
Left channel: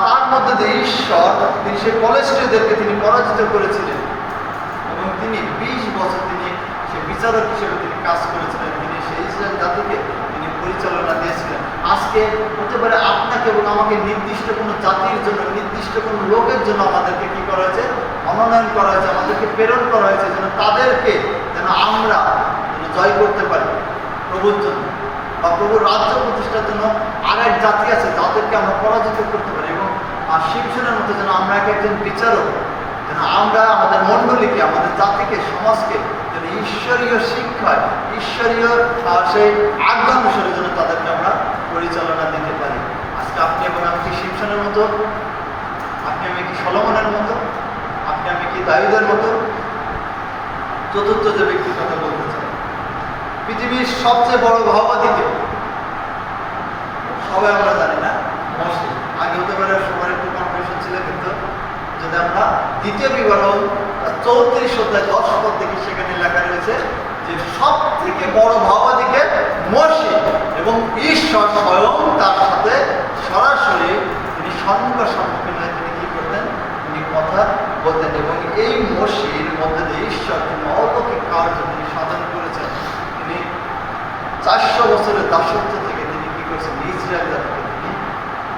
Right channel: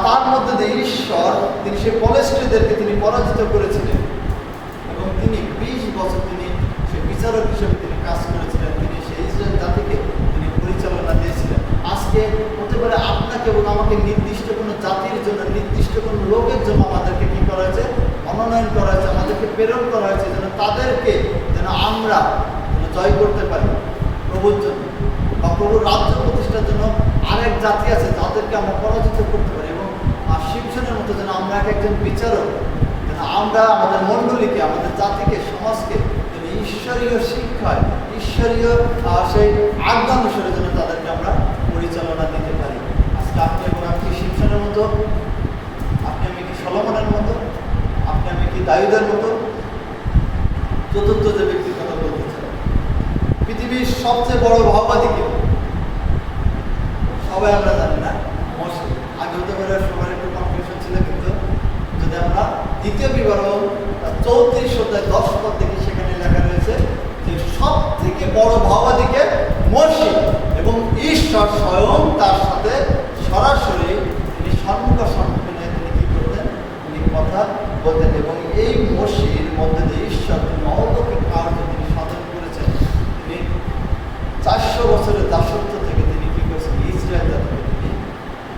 তার মধ্যে দিয়ে ঈশ্বর তিনি সেই পলেস্টীয়দেরকে তিনি পরাজিত করেছিলেন, এবং তিনি 20 বছর তিনি সেই বিচারক হিসেবে তিনি কাজ করেছিলেন, তিনি সেই ইসরায়েল জাতিকে তিনি পরিচালনা দিয়েছিলেন। আজকে হতে পারে আপনাকে এবং আমাকে নির্দিষ্ট কোনো জাতির জন্য, নির্দিষ্ট কোনো লোকের জন্য আমাদেরকে কি করা হয়েছে, মনোনয়ন করা হয়েছে, আমাদেরকে প্রেরণ করা হয়েছে, যেন তাদেরকে যেন আমরা জয় করতে পারি প্রভুর জন্য, বা প্রভুর রাজ্য প্রতিষ্ঠার জন্য আরেক জাতি আছে যাদেরকে আমরা পরাজিত করতে পারি, এবং শিমশনের মতো যেন আমরা একজন বিচারক, যেন আমরা আমাদের মণ্ডলীকে, আমাদের জাতিকে, সমাজকে যেন ঈশ্বরীয় শিক্ষায়, ঈশ্বরীয় সেই আজ্ঞা অনুসারে যেন তাদেরকে আমরা পরিচালনা দিতে পারি। আজকে আপনি এবং আমি কি শিমশনের মতো, আপনি আমি কি সলোমনের মতো, আপনি আমি কি দাউদের মতো? চতুর্থ যে ব্যক্তির কথা বলতে চাই, পৃথিবীর সবচেয়ে বড় ভাওবাদীকে সবাই আমরা জানি না, মসজিদ। আগে হতে পারে সবার একটু কনফিউশন ছিল, কিন্তু যদি আমরা দ্বিতীয় বিবরণ 34 অধ্যায় 10 পদ থেকে সেখানে লেখা রয়েছে যে সব থেকে বড় ভাওবাদীকে মসজিদ, এবং ঈশ্বর স্বয়ং তার সাথে সরাসরি তিনি সম্মুখীন হয়ে তিনি কি করতেন, তিনি কথা বলতেন, এবং এই মসজিদের মধ্যে দিয়ে ঈশ্বর তিনি অলৌকিক কার্য তিনি সাধন করেছেন। তিনি 400 বছরের দাসত্ব থেকে তিনি কি করেছেন, ইসরায়েল জাতিকে তিনি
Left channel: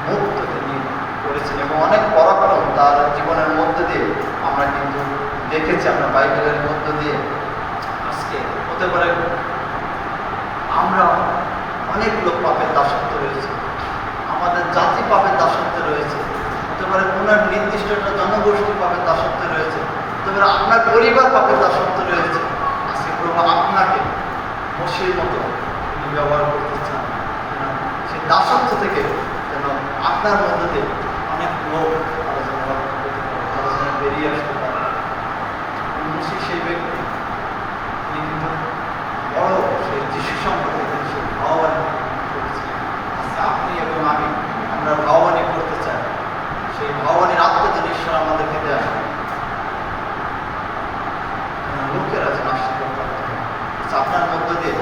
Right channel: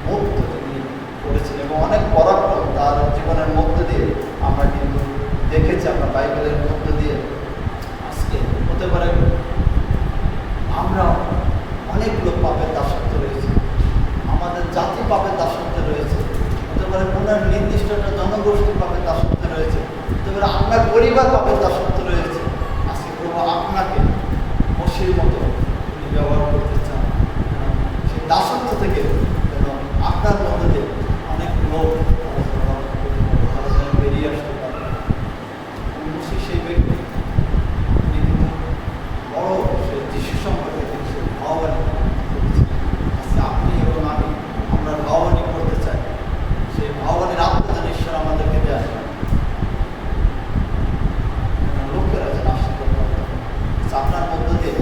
মুক্ত তিনি করেছেন, এবং অনেক পরাক্রম তার জীবনের মধ্যে দিয়ে আমরা কিন্তু দেখেছি, আমরা বাইবেলের মধ্য দিয়ে। আজকে হতে পারে আমরা অনেক লোক পাপের দাসত্ব রয়েছে, আমাদের জাতি পাপের দাসত্বে রয়েছে, হতে পারে কোনো নির্দিষ্ট একটা জনগোষ্ঠী পাপের দাসত্বে রয়েছে, হতে পারে আপনার পরিবার পাপের দাসত্বে রয়েছে। আজকে প্রভু আপনাকে মসির মতো তিনি ব্যবহার করতে চান, সেই দাসত্ব থেকে যেন আপনার মধ্যে দিয়ে অনেক লোক আলোচনা বেরিয়ে আসতে পারে। মসি সেই ব্যক্তি, তিনি কিন্তু বড় সেই যিশু সম্পর্কে তিনি সেই ভাবানী করছেন। আজকে আপনি এবং আমি আমরা ভাবানী করতে চাই, সেই ভাবানীর আত্মা যেন ঈশ্বর আমাদেরকে দেয়, লোকেরা যেন আশীর্বাদ পায়, আপনার মধ্য দিয়ে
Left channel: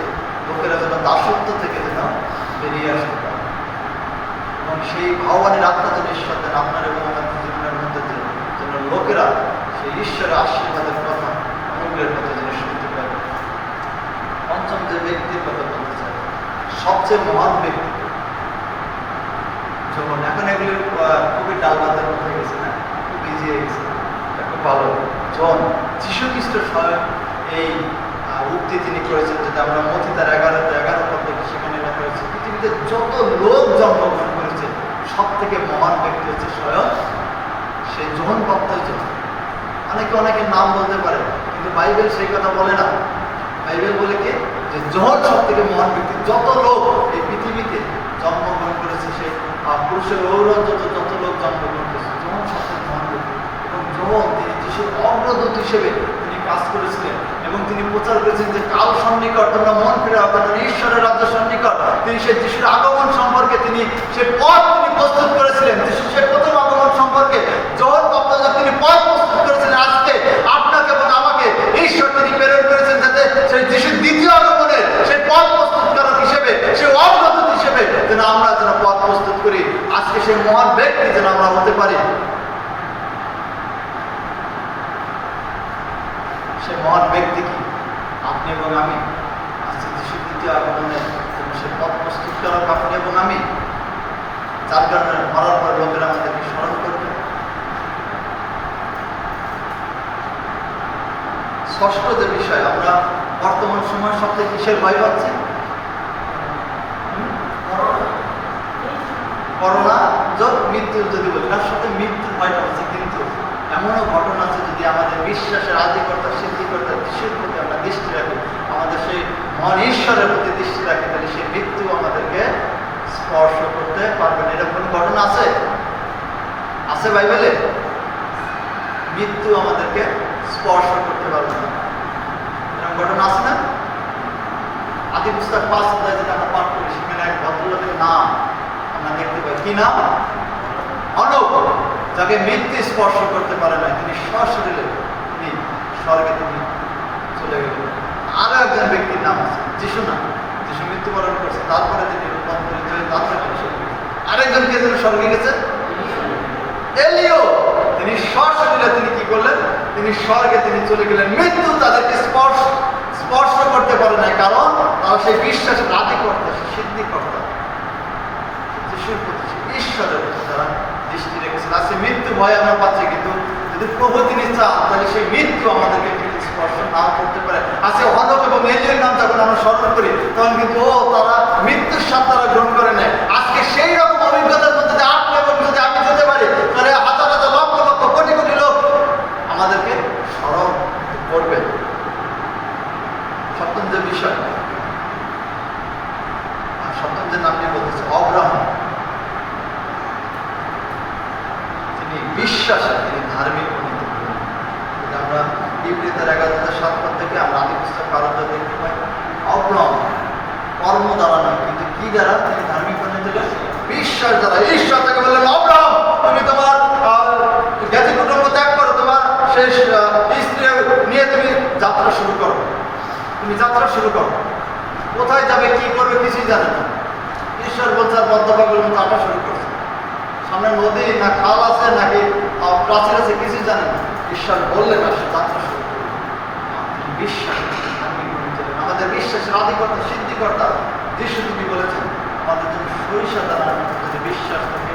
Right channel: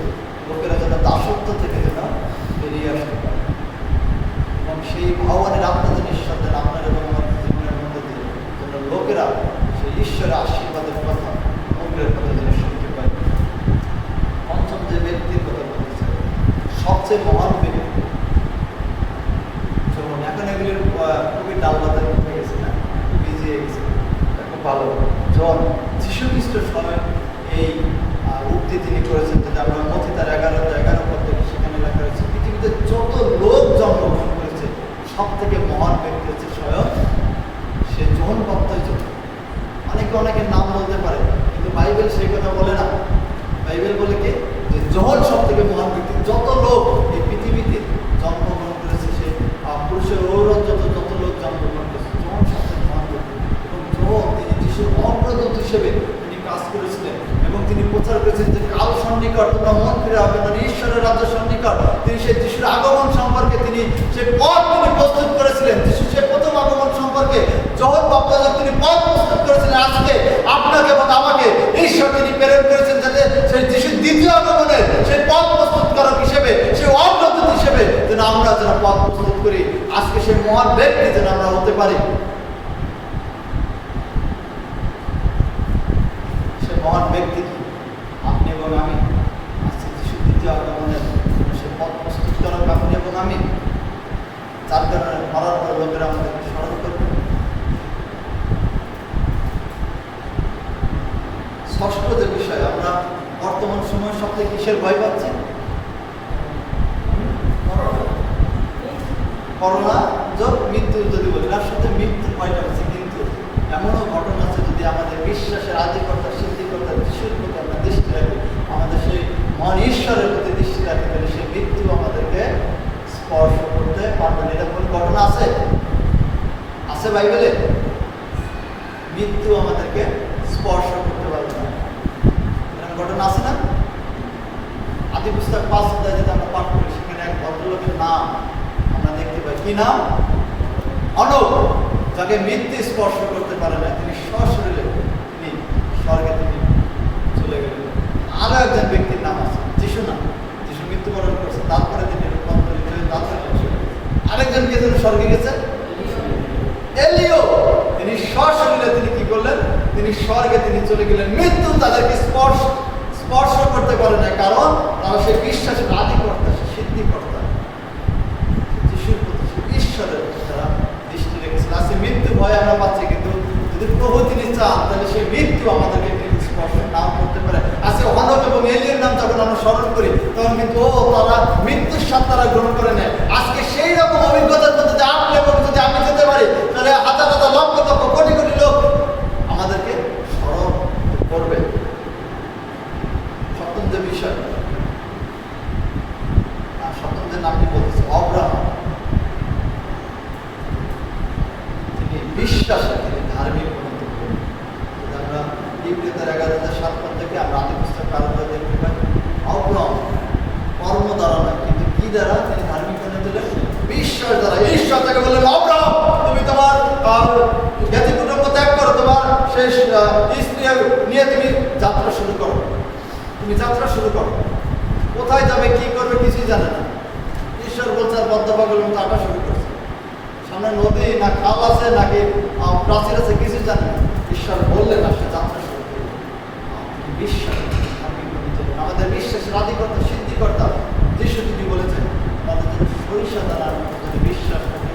লোকেরা যেন দাসত্ব থেকে যেন বেরিয়ে আসতে পারে, এবং সেই ভাবানীর আত্মা যেন ঈশ্বর দেন আপনার এবং আমাদের জীবনের মধ্যে দিয়ে, যেন লোকেরা সেই ঈশ্বরের আশীর্বাদের কথা, অনুগ্রহের কথা যেন শুনতে পায়। পঞ্চম যে ব্যক্তির কথা বলতে চাই, সবচেয়ে মহান ব্যক্তি যখন, এখন এগুলি খুবই ডালবাতের মধ্যে গেছে না, খুব ইজি হয়ে গেছে, এটা খুব ভালো। জন যীশু খ্রিস্ট স্বয়ং এই উক্তি তিনি করেছেন, যেটা আমরা মথি তার 11 পদ দেখি, সেখানে লেখা হয়েছে পৃথিবীতে যত লোক জন্মগ্রহণ করেছে সব থেকে মহান ব্যক্তি হচ্ছে স্বয়ং সে জন বাপ্তিস্ম। অনেকের নাম বলতে পারে, কিন্তু বাইবেল সেই কথা বলে না। বাইবেল বলে কি, যে জন সব থেকে মহান ব্যক্তি। যত লোক এই পৃথিবীতে জন্মগ্রহণ করেছে, সেই পুরুষের ঔরত যত লোক জন্মগ্রহণ করেছে, জন সব থেকে মহান ব্যক্তি, এবং জন তিনি যিশুর অগ্রদূত হিসেবে তিনি কাজ করেছিলেন, এবং তিনি প্রচার করেছেন যে কাল সন্নিকট, তোমরা মন ফিরে আপনার ঈশ্বরের রাজ্য সন্নিকট। তিনি সেই যিশুর আগমন সম্পর্কে তিনি সে পথ তিনি প্রস্তুত করেছিলেন। যিশু সেই প্রথম আগমন সম্পর্কে জন বাপ্তিস্ম তিনি পথ প্রস্তুত করেছিলেন। আজকে আপনাকে এবং আমাকে ঈশ্বর তিনি প্রেরণ করেছেন, যাতে সেই যিশুর দ্বিতীয় আগমনের সেই পথ প্রস্তুতকারক হিসেবে, সেই অগ্রদূত হিসেবে যেন আমরা যেন পথ প্রস্তুত করি। আজকে সেই মহান ব্যক্তি যেন আমরা হতে পারি। সে মহান ব্যক্তি কি? আপনি এবং আমি। আজকে যিশুর দ্বিতীয় আগমনের জন্য সে পথ প্রস্তুতকারক আপনি এবং আমি, যার কারণে মরার পর লোকেরা আমাদেরকে স্মরণ করবে। ষষ্ঠ যে বিষয়, আমরা বর্তমান সময় সবথেকে কিসের ভয় পাচ্ছি? করোনা যোগ মৃত্যুর যদি বলি, তার সাথে মৃত্যুর ভয়টা আছে, কিন্তু এমনও ঘটনা আছে, যদি আমাদের বিশ্বাসের আদিকর্তা সিদ্ধিকর্তা যিশুর প্রতি আমরা দৃষ্টি রাখি, আমাদের সেই মহান ঈশ্বরের প্রতি দৃষ্টি রাখি, তাহলে সেই মৃত্যু আমাদেরকে স্পর্শ করতে পারবে না। এরকম ঘটনা আছে? আছে বাইবেলে? মৃত্যু আমাদেরকে স্পর্শ করতে পারবে না, এরকম ঘটনা আছে না? আদি পুস্তক 5 অধ্যায় যেটা আমরা পাঠ করি, সেখানে এক ভদ্র লোকের নাম আমরা দেখতে পাই। কি নাম? অনব, যাকে মৃত্যু স্পর্শ করতে পারে না, তিনি সশরীরে তিনি স্বর্গে তিনি চলে গেলেন। আরো একজন ব্যক্তির নাম আছে যিশু নাম, যিশু মৃত্যুবরণ করছে, তারপরে তিনি রূপান্তরিত হয়ে তারপরে আরেকজন কে যেন স্বর্গে গেছে, এলিও, তিনি সশরীরে তিনি কি করলেন, তিনি স্বর্গে তিনি চলে গেলেন। মৃত্যু তাদেরকে স্পর্শ করতে পারে না, কারণ তারা সেই বিশ্বাসের আদি কর্তা, সিদ্ধি কর্তা, যিশুর প্রতি ঈশ্বরের প্রতি তারা দৃষ্টি রেখেছেন। আজকে মৃত্যু ভয় আমরা পাচ্ছি, কিন্তু যদি প্রভু তিনি চান তাহলে সেই মৃত্যু আমাদেরকে কিন্তু স্পর্শ নাও করতে পারে। আজকে হনক এবং এলিয়ের নাম যখন আমরা স্মরণ করি তখন কিন্তু তারা মৃত্যুর স্বাদ তারা গ্রহণ করে নেয়। আজকে সেই রকম অভিজ্ঞতার মধ্যে যদি আপনি এবং যদি আমি যেতে পারি, তাহলে হাজার হাজার লক্ষ লক্ষ কোটি কোটি লোক আমাদেরকে স্মরণ করবে। সপ্তম যে বিষয়, আর সপ্তম যে নামটি বলতেছে অব্রাহাম, তিনি বিশ্বাসে তিনি ধার্মিক পরিণত হলেন। আমরা ইব্রিতের 11:7 থেকে আমরা আদি পুস্তক কারণটা দেখতে পাই, অব্রাহাম কর্ম দ্বারা নয়, কিন্তু কি দ্বারা তিনি ধার্মিক পরিণত হলেন? বিশ্বাস দ্বারা। ঈশ্বর তাকে বললেন, অব্রাহাম তুমি তোমার জ্ঞাতি কুটুম্ব ত্যাগ করো, তোমার সেই স্ত্রী নিয়ে তুমি যাত্রা শুরু করো। তুমি যাত্রা শুরু করো, কোথায় যাবে কি করবে কিছুই জানে না। ঈশ্বর বলছে বদ্ধপাগলের মতো হাঁটা শুরু করছে, সামনে নদী না খাল আছে নাকি প্রাচীর আছে কিছুই জানে না। ঈশ্বর বললেন না, সে যাত্রা শুরু করবে। তিনি বিশ্বাস, আমাদের বিশ্বাসের আদিকর্তা সিদ্ধিকর্তা যিশু তিনি বলেছেন আমাদের যদি সরিষা দ্বারা যদি বিশ্বাস থাকে,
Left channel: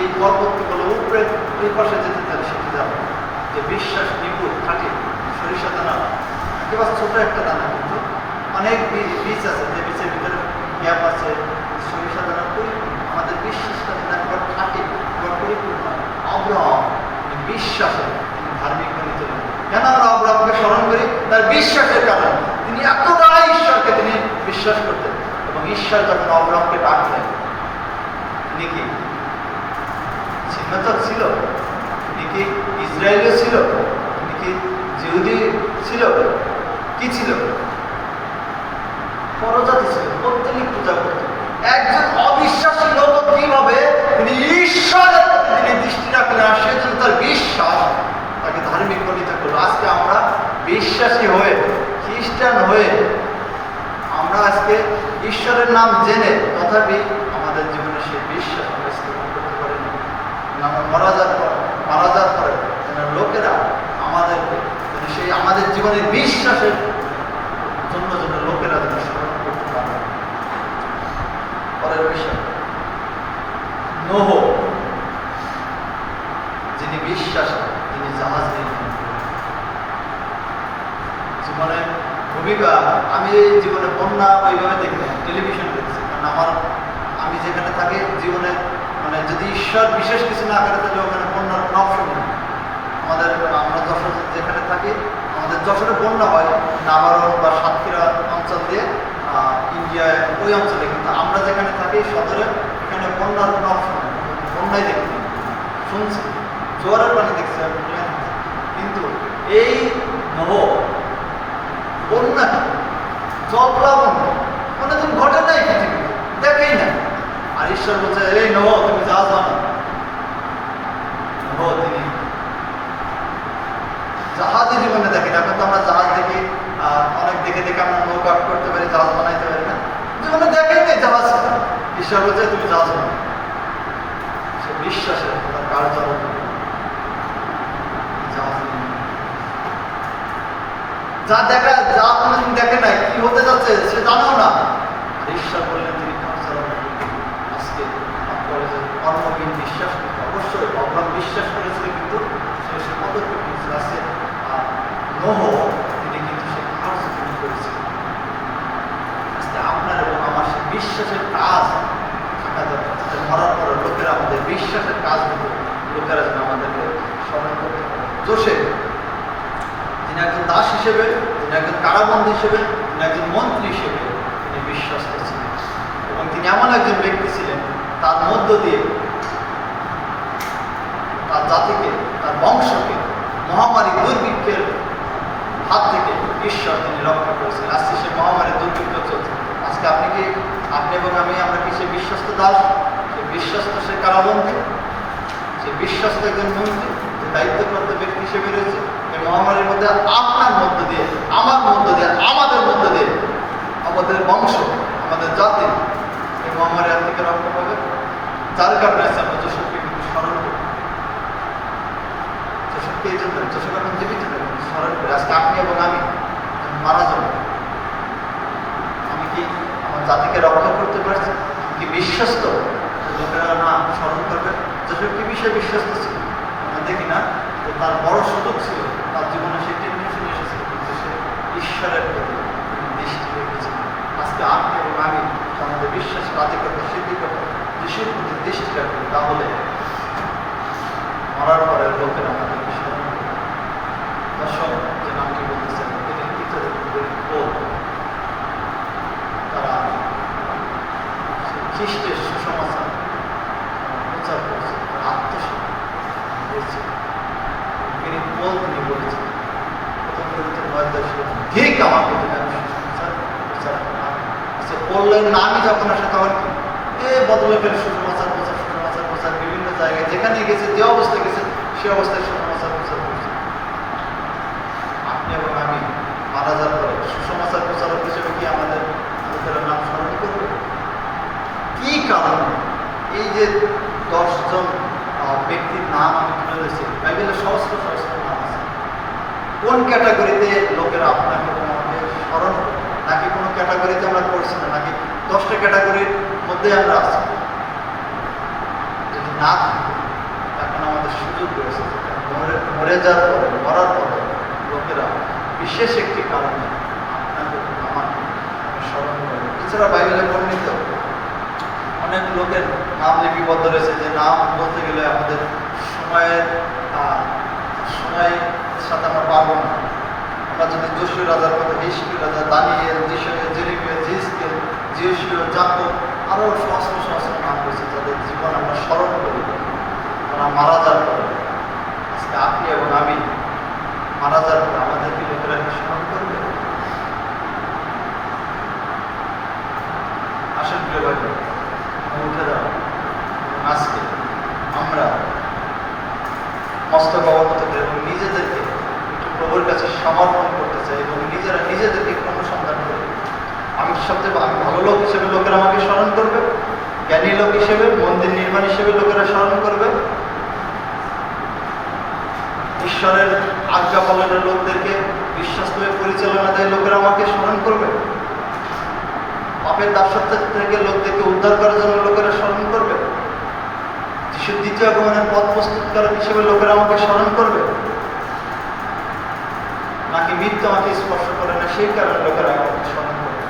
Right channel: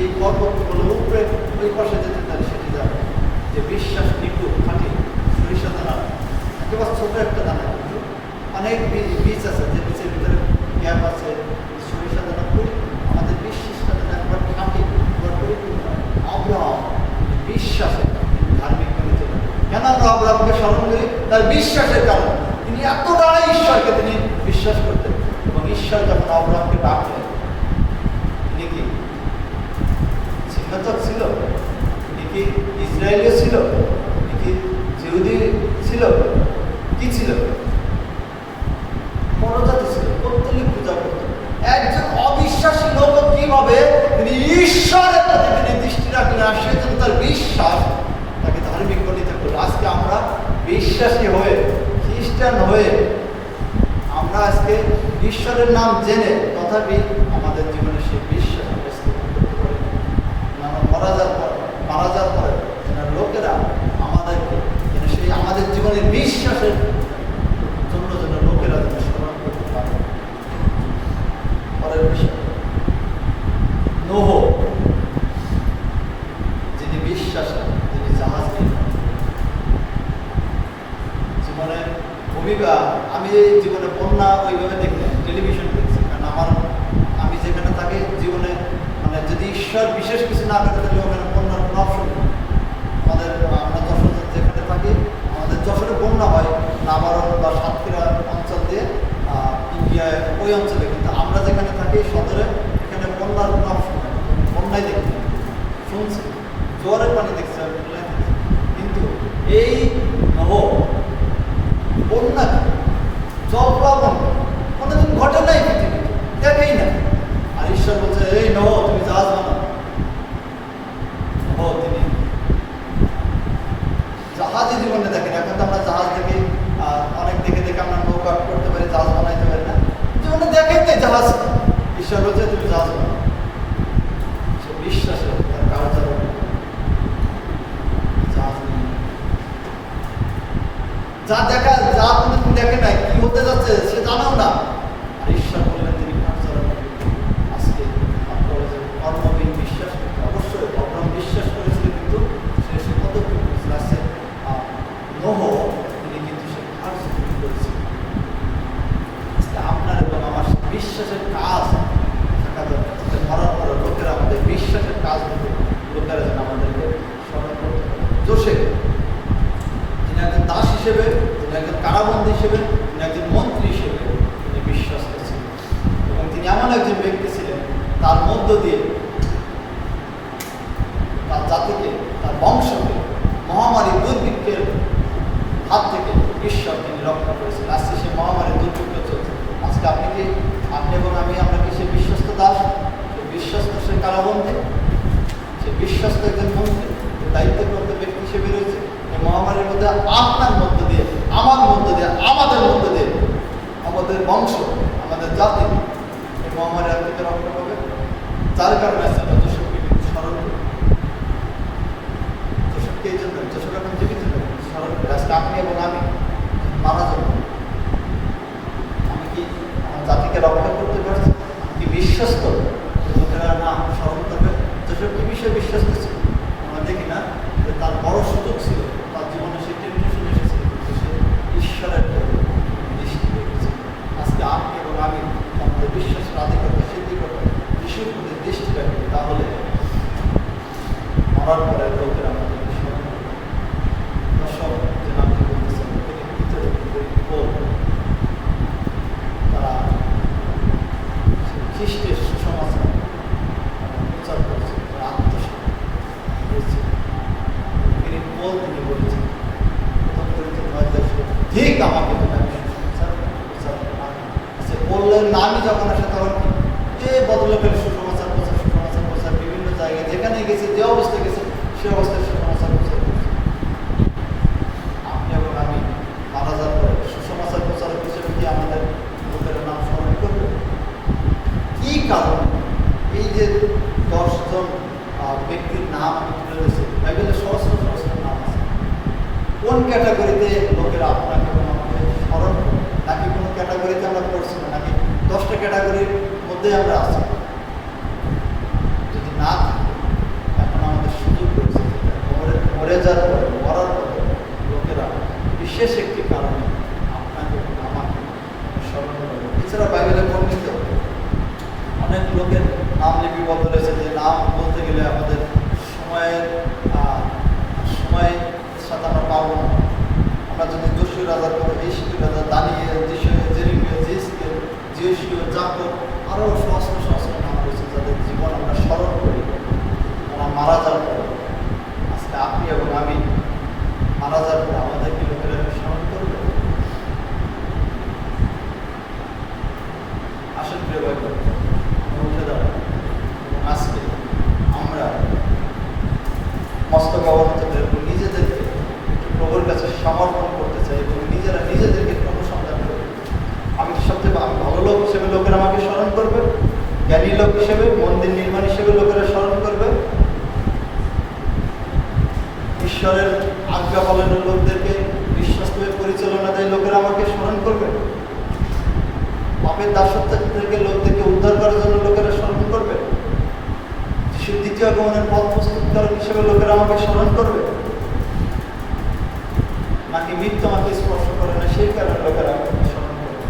এই পর্বতগুলো উপরে ওই পাশে যেতে তাহলে সেটি যাবে। যে বিশ্বাস নিপুণ খাঁটি সরিষা দানা, একেবারে ছোট একটা দানা, কিন্তু অনেক বীজ আছে, যে বীজের ভিতরে গ্যাপ আছে। সরিষা দানা আমাদের বিশ্বাসটা একবার খাঁটি, একবার পরিপূর্ণ। অব্রাহাম বিশ্বাসে ধার্মিক পরিণত হলেন। কেন আমরা অব্রাহামকে স্মরণ করি? তার বিশ্বাসের কারণে। তিনি এতটা ঈশ্বরকে তিনি বিশ্বাস করতেন, এবং ঈশ্বর যখন অব্রাহামকে ডাকলেন, তিনি কি ছিন্নতার ছিল? তিনি কি ইসরায়েলীয় ছিল? তিনি কি জিহুদি ছিল? কি ছিল? পরজাতি ছিল, প্রত্যেক পূজা করতেন। একজন অবিশ্বাসী লোক কিভাবে তিনি ঈশ্বরের প্রতি তিনি দৃষ্টি রাখলেন, আর সেজন্য তার বিশ্বাস তাকে ধার্মিক পরিণত করলো। আজকে আমরা বিশ্বাসী হয়ে, খ্রিস্টান হয়ে, আমরা আজকে ঈশ্বরের নাম জেনে তথাপি আমাদের জীবনে সেই বিশ্বাস আমরা স্থাপন করতে পারি না। আমরা মারা যাওয়ার পরে যেন লোকেরা আমাদেরকে যেন সেই আমাদের জীবনের বিশ্বাসের জন্য যেন লোকেরা যেন স্মরণ করতে পারে। পরের বিষয়, নোহ, যিনি বিশ্বাসী, তিনি জাহাজ নিয়ে জীবনে ভূমিকা। আমি জীবনে বন্যা ওইভাবে দেখি না, টেলিভিশন দেখছি, কারণ আমি যেখানে থাকি জীবনে মানে যদি ঈশ্বর বিশেষ কিছু না করে তাহলে ওখানে বন্যার কোনো অপশন নেই। আমরা যশোর যেখানে থাকি, আমাদের যশোরে বন্যা হয় নাবারণ বা সাতক্ষীরা অঞ্চল দিয়ে ইন্ডিয়ায় ওই অঞ্চলে, কিন্তু আমরা যেখানে থাকি সদরে, এখানে বন্যার কোনো অপশন নেই, বন্যাই দেখি শুনছি, জোয়ারের পানি দেখছি আমি, কিন্তু এই নব বন্যা জলপ্লাবন কোনোদিন ঘটে নাই পৃথিবীতে, দেখেই না। আর ঈশ্বর বলছে, এই নব তুমি জাহাজ বানাও। নব তিনি জাহাজই জীবনে দেখেন। এখন তো আমরা জাহাজ দেখি, অনেক দেখে দেখে আমরা নৌকা করতে পারি, জাহাজ বানাইতে পারি না, জীবনে দেখেন নেই জাহাজ। ঈশ্বর বলছে তুমি জাহাজ বানাও। সে বিশ্বাসে তার কার্য জাহাজ যা দেখা, যা কোনোদিন দেখে নাই, কি হতে যাচ্ছে সে জানাও না। আর ঈশ্বর বললেন তিনি আজকে কর্মহীন বিশ্বাস করতে। অবশ্যই অব্রাহাম বিশ্বাস করেছিল, কিন্তু সে পদক্ষেপ নিয়েছিল। আছে নোহ, তিনি কিন্তু সে কাজ করেছিল। আজকে আপনার এবং আমার বিশ্বাসের কাজ থাকা দরকার, যাতে মরার পরে লোকেরা আমাদের বিশ্বাসের কাজ হতো, লোকেরা যেন আমাদেরকে স্মরণ করতে পারে। যোসেফ, তিনি একজন দাস হিসেবে, তিনি একজন কারাবন্দী হিসেবে, তিনি একজন মন্ত্রী হিসেবে তিনি বিশ্বস্ত ছিলেন, এবং তিনি এমন একজন ব্যক্তি ছিলেন তার মধ্য দিয়ে তার জাতিকে, তার বংশকে মহামারী দুর্ভিক্ষের হাত থেকে ঈশ্বর তিনি রক্ষা করেছিলেন। আজকে সে মহামারী দুর্ভিক্ষ চলছে। আজকে আপনি এবং আমরা কি সে বিশ্বস্ত দাস, সে বিশ্বস্ত, সে কারাবন্দী, সে বিশ্বস্ত একজন মন্ত্রী, যে দায়িত্বপ্রাপ্ত ব্যক্তি হিসেবে রয়েছে। এই মহামারীর মধ্যে আপনার মধ্য দিয়ে, আমার মধ্য দিয়ে, আমাদের মধ্য দিয়ে, আমাদের বংশ, আমাদের জাতি এই মহামারী হাত থেকে রক্ষা পাবে। যার কারণে আছে আমরা যশোরকে স্মরণ করি, যশোরকে এই জন্য, যশোর এখন জীবিত স্মরণ করি। আজকে আপনি এবং আমি মারা যাবো, আমি কি আমার জাতিকে রক্ষা করতে পারছি? কি বিশ্বস্ত লোকেরা না স্মরণ করবে? যশোর কি বিষয়ে বিশ্বস্ত ছিল? আমরা দেখি না যে তার বড় সুযোগ ছিল, তার জীবনে সে টেনশন এসেছিল, কিন্তু সে ঈশ্বরের প্রতি দৃষ্টি রেখেছে। আজকে আপনি এবং আমি আমাদের বিশ্বাস রাজি করতে, সিদ্ধি করতে যিশুর প্রতি দৃষ্টি রাখবে, তাহলে মরার পরের লোকেরা আমাদের স্মরণ করবে। দর্শক যে নামটি বলতেছেন তিনি ভিতরে তারা খ্রিস্টের সুসমাচার প্রচার করছে, তারা আত্মসমর্পণ করেছে। তিনি বলেছেন ঠিক আমাকে বললেন না, আমি যখন আসে তখন এ বদলে ফেলে সুসমাচার প্রচার বিভিন্ন জায়গায় যেখানে গেছে, যে অবস্থায় গেছে সে অবস্থায় সুসমাচার প্রচার করছে। আপনি এবং আমি মারা যাওয়ার পরে সুসমাচার প্রচারক হিসেবে কি আমাদের লোকের নাম স্মরণ করবে? কি কারণ এই যে 10 জন ব্যক্তির নাম আমি তুলে ধরেছি, বাইবেলের সহস্র নাম আছে। কোন ক্যাটাগরিতে লোকেরা আপনাকে আমাকে স্মরণ করবে? নাকি কোনো ক্যাটাগরিতে আমরা করছি না, নাকি 10টা ক্যাটাগরির মধ্যে আমরা আছি? যদি না থাকি, এখন আমাদের সুযোগ রয়েছে মরে যাওয়ার পরে, মরার পরে লোকেরা বিশেষ একটি কারণে আপনাকে আমাকে স্মরণ করবে। এছাড়া বাইবেলে বর্ণিত অনেক লোকের নাম লিপিবদ্ধ রয়েছে, যে নাম বলতে গেলে আমাদের সময়ের সাথে আমরা পারবো না। আমরা যদি যশোর রাজার কথা, হিসকিল রাজা, দানিয়েল, জেরেমিয়া, জিসকেল, জিওশিয়া, জাকব, আরও সহস্র নাম রয়েছে যাদের জীবন আমরা স্মরণ করি, তারা মারা যাওয়ার পরে। আজকে আপনি এবং আমি মারা যাওয়ার পরে আমাদেরকে লোকেরা স্মরণ করবে। আসেন প্রিয় ভাই, উঠে দাও। আজকে আমরা মস্তক অবনত করে এবং নিজেদেরকে একটু প্রভুর কাছে সমর্পণ করতে চাই এবং নিজেদেরকে অনুসন্ধান করি। আমি ভালো লোক হিসেবে লোকেরা আমাকে স্মরণ করবে, জ্ঞানী লোক হিসেবে, মন্দির নির্মাণ হিসেবে লোকেরা স্মরণ করবে, ঈশ্বরের আজ্ঞা পালনের লোকদেরকে বিশ্বস্তভাবে পরিচালনা দেয় লোকেরা আমাকে স্মরণ করবে, পাপের দাসত্ব থেকে লোকদেরকে উদ্ধার করার জন্য লোকেরা স্মরণ করবে, যিশুর দ্বিতীয় আগমনের পথ প্রস্তুতকারক হিসেবে লোকেরা আমাকে স্মরণ করবে, নাকি মৃত্যু আমাকে স্পর্শ করে না সেই কারণে লোকেরা আমাকে স্মরণ করবে?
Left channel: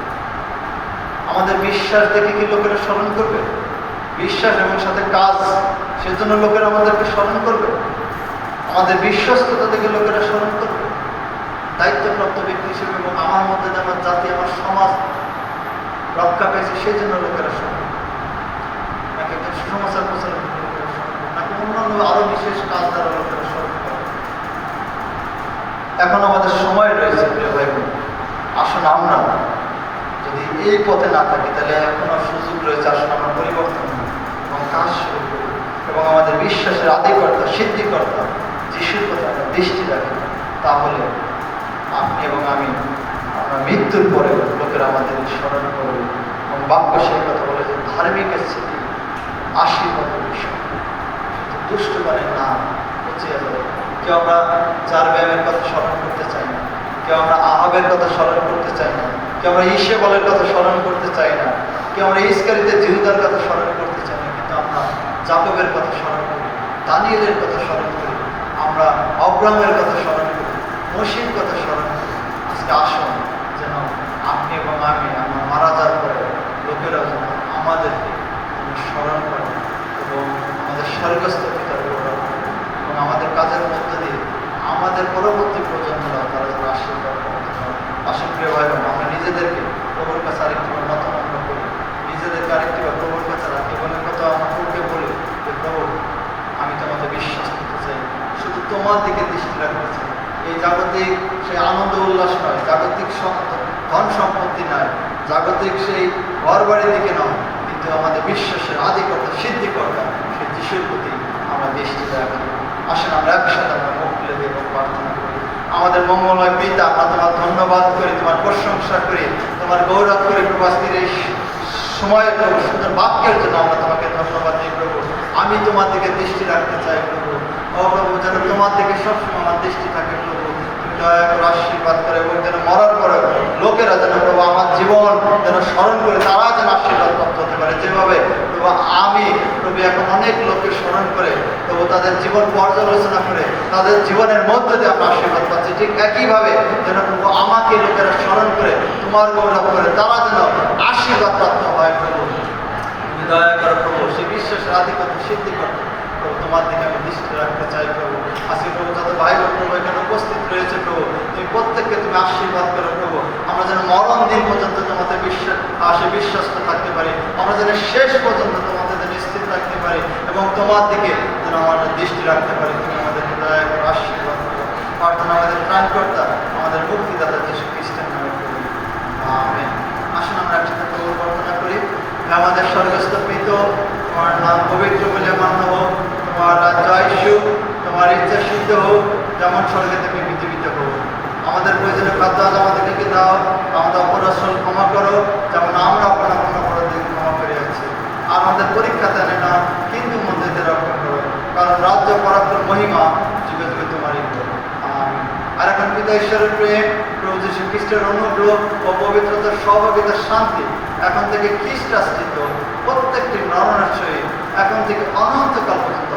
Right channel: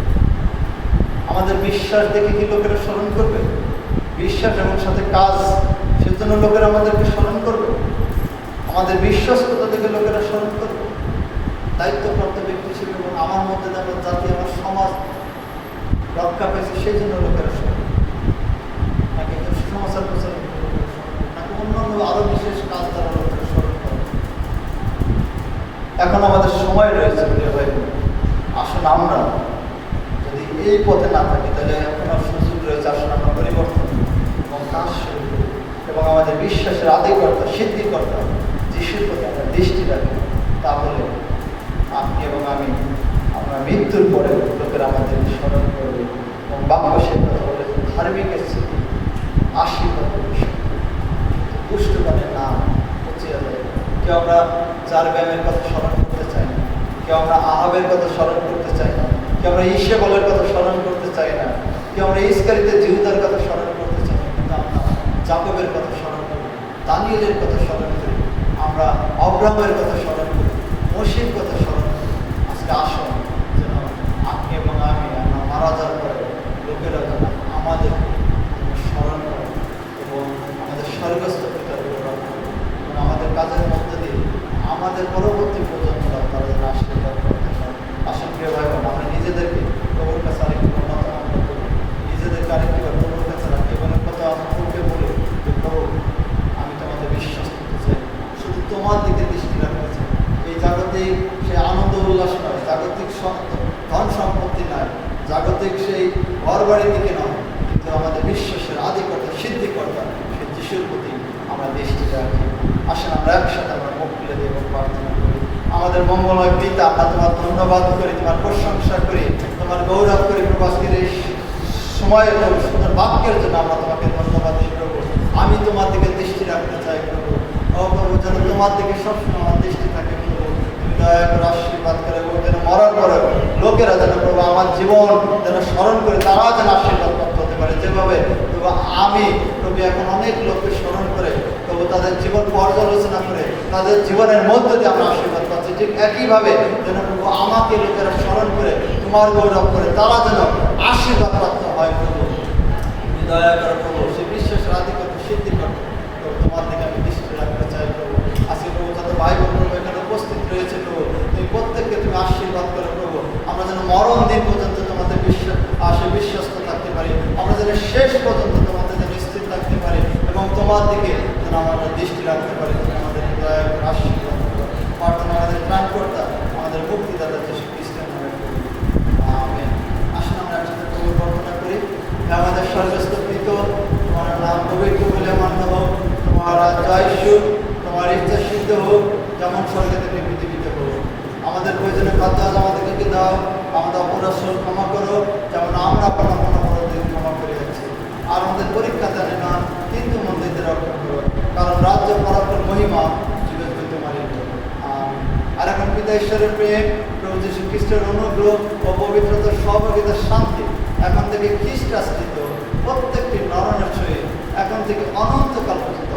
আমাদের বিশ্বাস দেখে কি লোকেরা স্মরণ করবে? বিশ্বাস এবং সাথে কাজ, সেজন্য লোকেরা আমাদেরকে স্মরণ করবে? আমাদের বিশ্বস্ততা থেকে লোকেরা স্মরণ করবে? দায়িত্বপ্রাপ্ত ব্যক্তি হিসেবে এবং আমার মধ্যে যে আমার জাতি, আমার সমাজ রক্ষা পেয়েছে সেই জন্য লোকেরা স্মরণ করবে? নাকি একজন সুসমাচার প্রচারের লোকেরা স্মরণ করবে? নাকি অন্যান্য আরো বিশেষ কাজ দ্বারা লোকেরা স্মরণ করবে? এখন আমাদের সময় রয়েছে প্রিয় ভাই বোন। আসুন আমরা যদি এই পথে না থাকি, তাহলে এখনো সুযোগ রয়েছে। আসুন আমরা পরিবর্তন এবং কাজ শুরু করি এবং আমাদের বিশ্বাসের আদিকর্তা, সিদ্ধিকর্তা যিশুর প্রতি আমরা দৃষ্টি রাখি। তাহলে আপনি এবং আমি, আমরা মৃত্যুর পরে লোকেরা আমাদের স্মরণ করবে এবং বাক্য সেই কথা বলে যে ধার্মিকের স্মৃতি আশীর্বাদ বিষয়, দুষ্টগণের নাম পচিয়া যাবে। কেউ আমরা যার ব্যায়ামের কথা স্মরণ করতে চাই না, কেউ আমরা আহাবের কথা স্মরণ করতে চাই না, কেউ আমরা ইসেবলের কথা স্মরণ করতে চাই না, কেউ আমরা ইসকারিতে জিহুদার কথা স্মরণ করতে চাই না, কিন্তু আমরা যাকবের কথা স্মরণ করি, দানিয়েলের কথা স্মরণ করি, আমরা অব্রাহামের কথা স্মরণ করি, মসির কথা স্মরণ করি। আজকে আসুন যেন আপনি এবং আমি আমরা মারা যাওয়ার পরে লোকেরা আমাদেরকে স্মরণ করে এবং আমাদের স্বর্গস্থ পিতার গৌরব এবং আমাদের কাজের মধ্যে দিয়ে আমাদের পরবর্তী প্রজন্মরা তারা যেন আশীর্বাদ করতে পারে। আসুন প্রিয় ভাই বোন, আমরা নিজেদেরকে প্রভুর কাছে আরেকটিবার নতমন্ত্র করি, নিজেদেরকে আরেকটিবার প্রভুর কাছে রাখি এবং কথা আমরা প্রভুকে বলি যে প্রভু, আমি তোমাদের বিশ্বাস করতে চাই, শুধু তোমার দিকে দৃষ্টি রাখতে চাই। এই জাগতিক সেই আনন্দ উল্লাস নয়, জাগতিক ধন সম্পত্তি নয়, জাগতিক সেই ঘরবাড়ির দিকে নয়, কিন্তু আমাদের বিশ্বাসের আদিকর্তা সিদ্ধিকর্তা সেই যিশুর প্রতি আমরা দৃষ্টি রাখি। আসেন আমরা একসাথে আমরা মুখ খুলে দেব, প্রার্থনা করি। আমাদের মঙ্গলময় পিতা, আমরা তোমার ধন্যবাদ করি, তোমার প্রশংসা করি, তোমার গৌরব করি প্রভু। আজকের এই সময়ে প্রভু সুন্দর বাক্যের জন্য আমরা তোমাকে ধন্যবাদ দিই প্রভু। আমি তোমার দিকে দৃষ্টি রাখতে চাই প্রভু। ও প্রভু, যেন তোমার দিকে সবসময় আমার দৃষ্টি থাকে প্রভু। তুমি দয়া করে আশীর্বাদ করে, এবং যেন মরার পরে লোকেরা যেন প্রভু আমার জীবন যেন স্মরণ করে তারা যেন আশীর্বাদ প্রাপ্ত হতে পারে। যেভাবে প্রভু আমি প্রভু এখন অনেক লোককে স্মরণ করে প্রভু তাদের জীবন পর্যালোচনা করে তাদের জীবনের মধ্যে দিয়ে আমরা আশীর্বাদ পাচ্ছি, ঠিক একইভাবে যেন প্রভু আমাকে লোকেরা স্মরণ করে তোমার গৌরব করে তারা যেন আশীর্বাদ প্রাপ্ত হয় প্রভু। তুমি দয়া করো প্রভু, সেই বিশ্বাসের আধিপত্য সিদ্ধি করো প্রভু। তোমার দিকে আমি দৃষ্টি রাখতে চাই প্রভু। আজকে প্রভু যত ভাই বোন প্রভু এখানে উপস্থিত রয়েছে প্রভু, তুমি প্রত্যেককে তুমি আশীর্বাদ করো প্রভু। আমরা যেন মরণ দিন পর্যন্ত তোমাদের সে বিশ্বস্ত থাকতে পারি, আমরা যেন শেষ পর্যন্ত তোমাদের স্থির থাকতে পারি এবং তোমার দিকে যেন আমাদের দৃষ্টি রাখতে পারি। তুমি আমাদের দয়া করে আশীর্বাদ করো। প্রার্থনা আমাদের ত্রাণকর্তা, আমাদের মুক্তিদাতা যীশু খ্রিস্টের নামে করি, আমেন। আসুন আমরা একসাথে প্রভু প্রার্থনা করি। আমাদের স্বর্গস্থ পিতা, তোমার নাম পবিত্র বলে মান্য হোক, তোমার রাজ্য আসুক, তোমার ইচ্ছা সিদ্ধ হোক, যেমন স্বর্গে থেকে পৃথিবীতে হোক। আমাদের প্রয়োজনীয় খাদ্য আজ আমাদেরকে দাও, আমাদের অপরাধ ক্ষমা করো, যেমন আমরা আপনার অপরাধীকে ক্ষমা করে আছি। আর আমাদের পরীক্ষাতে আনে না, কিন্তু মন্দিরকে রক্ষা করো, কারণ রাজ্য পরাক্রম মহিমা যুগে যুগে তোমারই হোক, আমেন। আর এখন পিতা ঈশ্বরের প্রেম, প্রভু যীশু খ্রিস্টের অনুগ্রহ ও পবিত্রতার সহভাগিতার শান্তি এখন থেকে খ্রিস্ট আশ্রিত প্রত্যেকটি নরনার সহিত এখন থেকে অনন্তকাল পর্যন্ত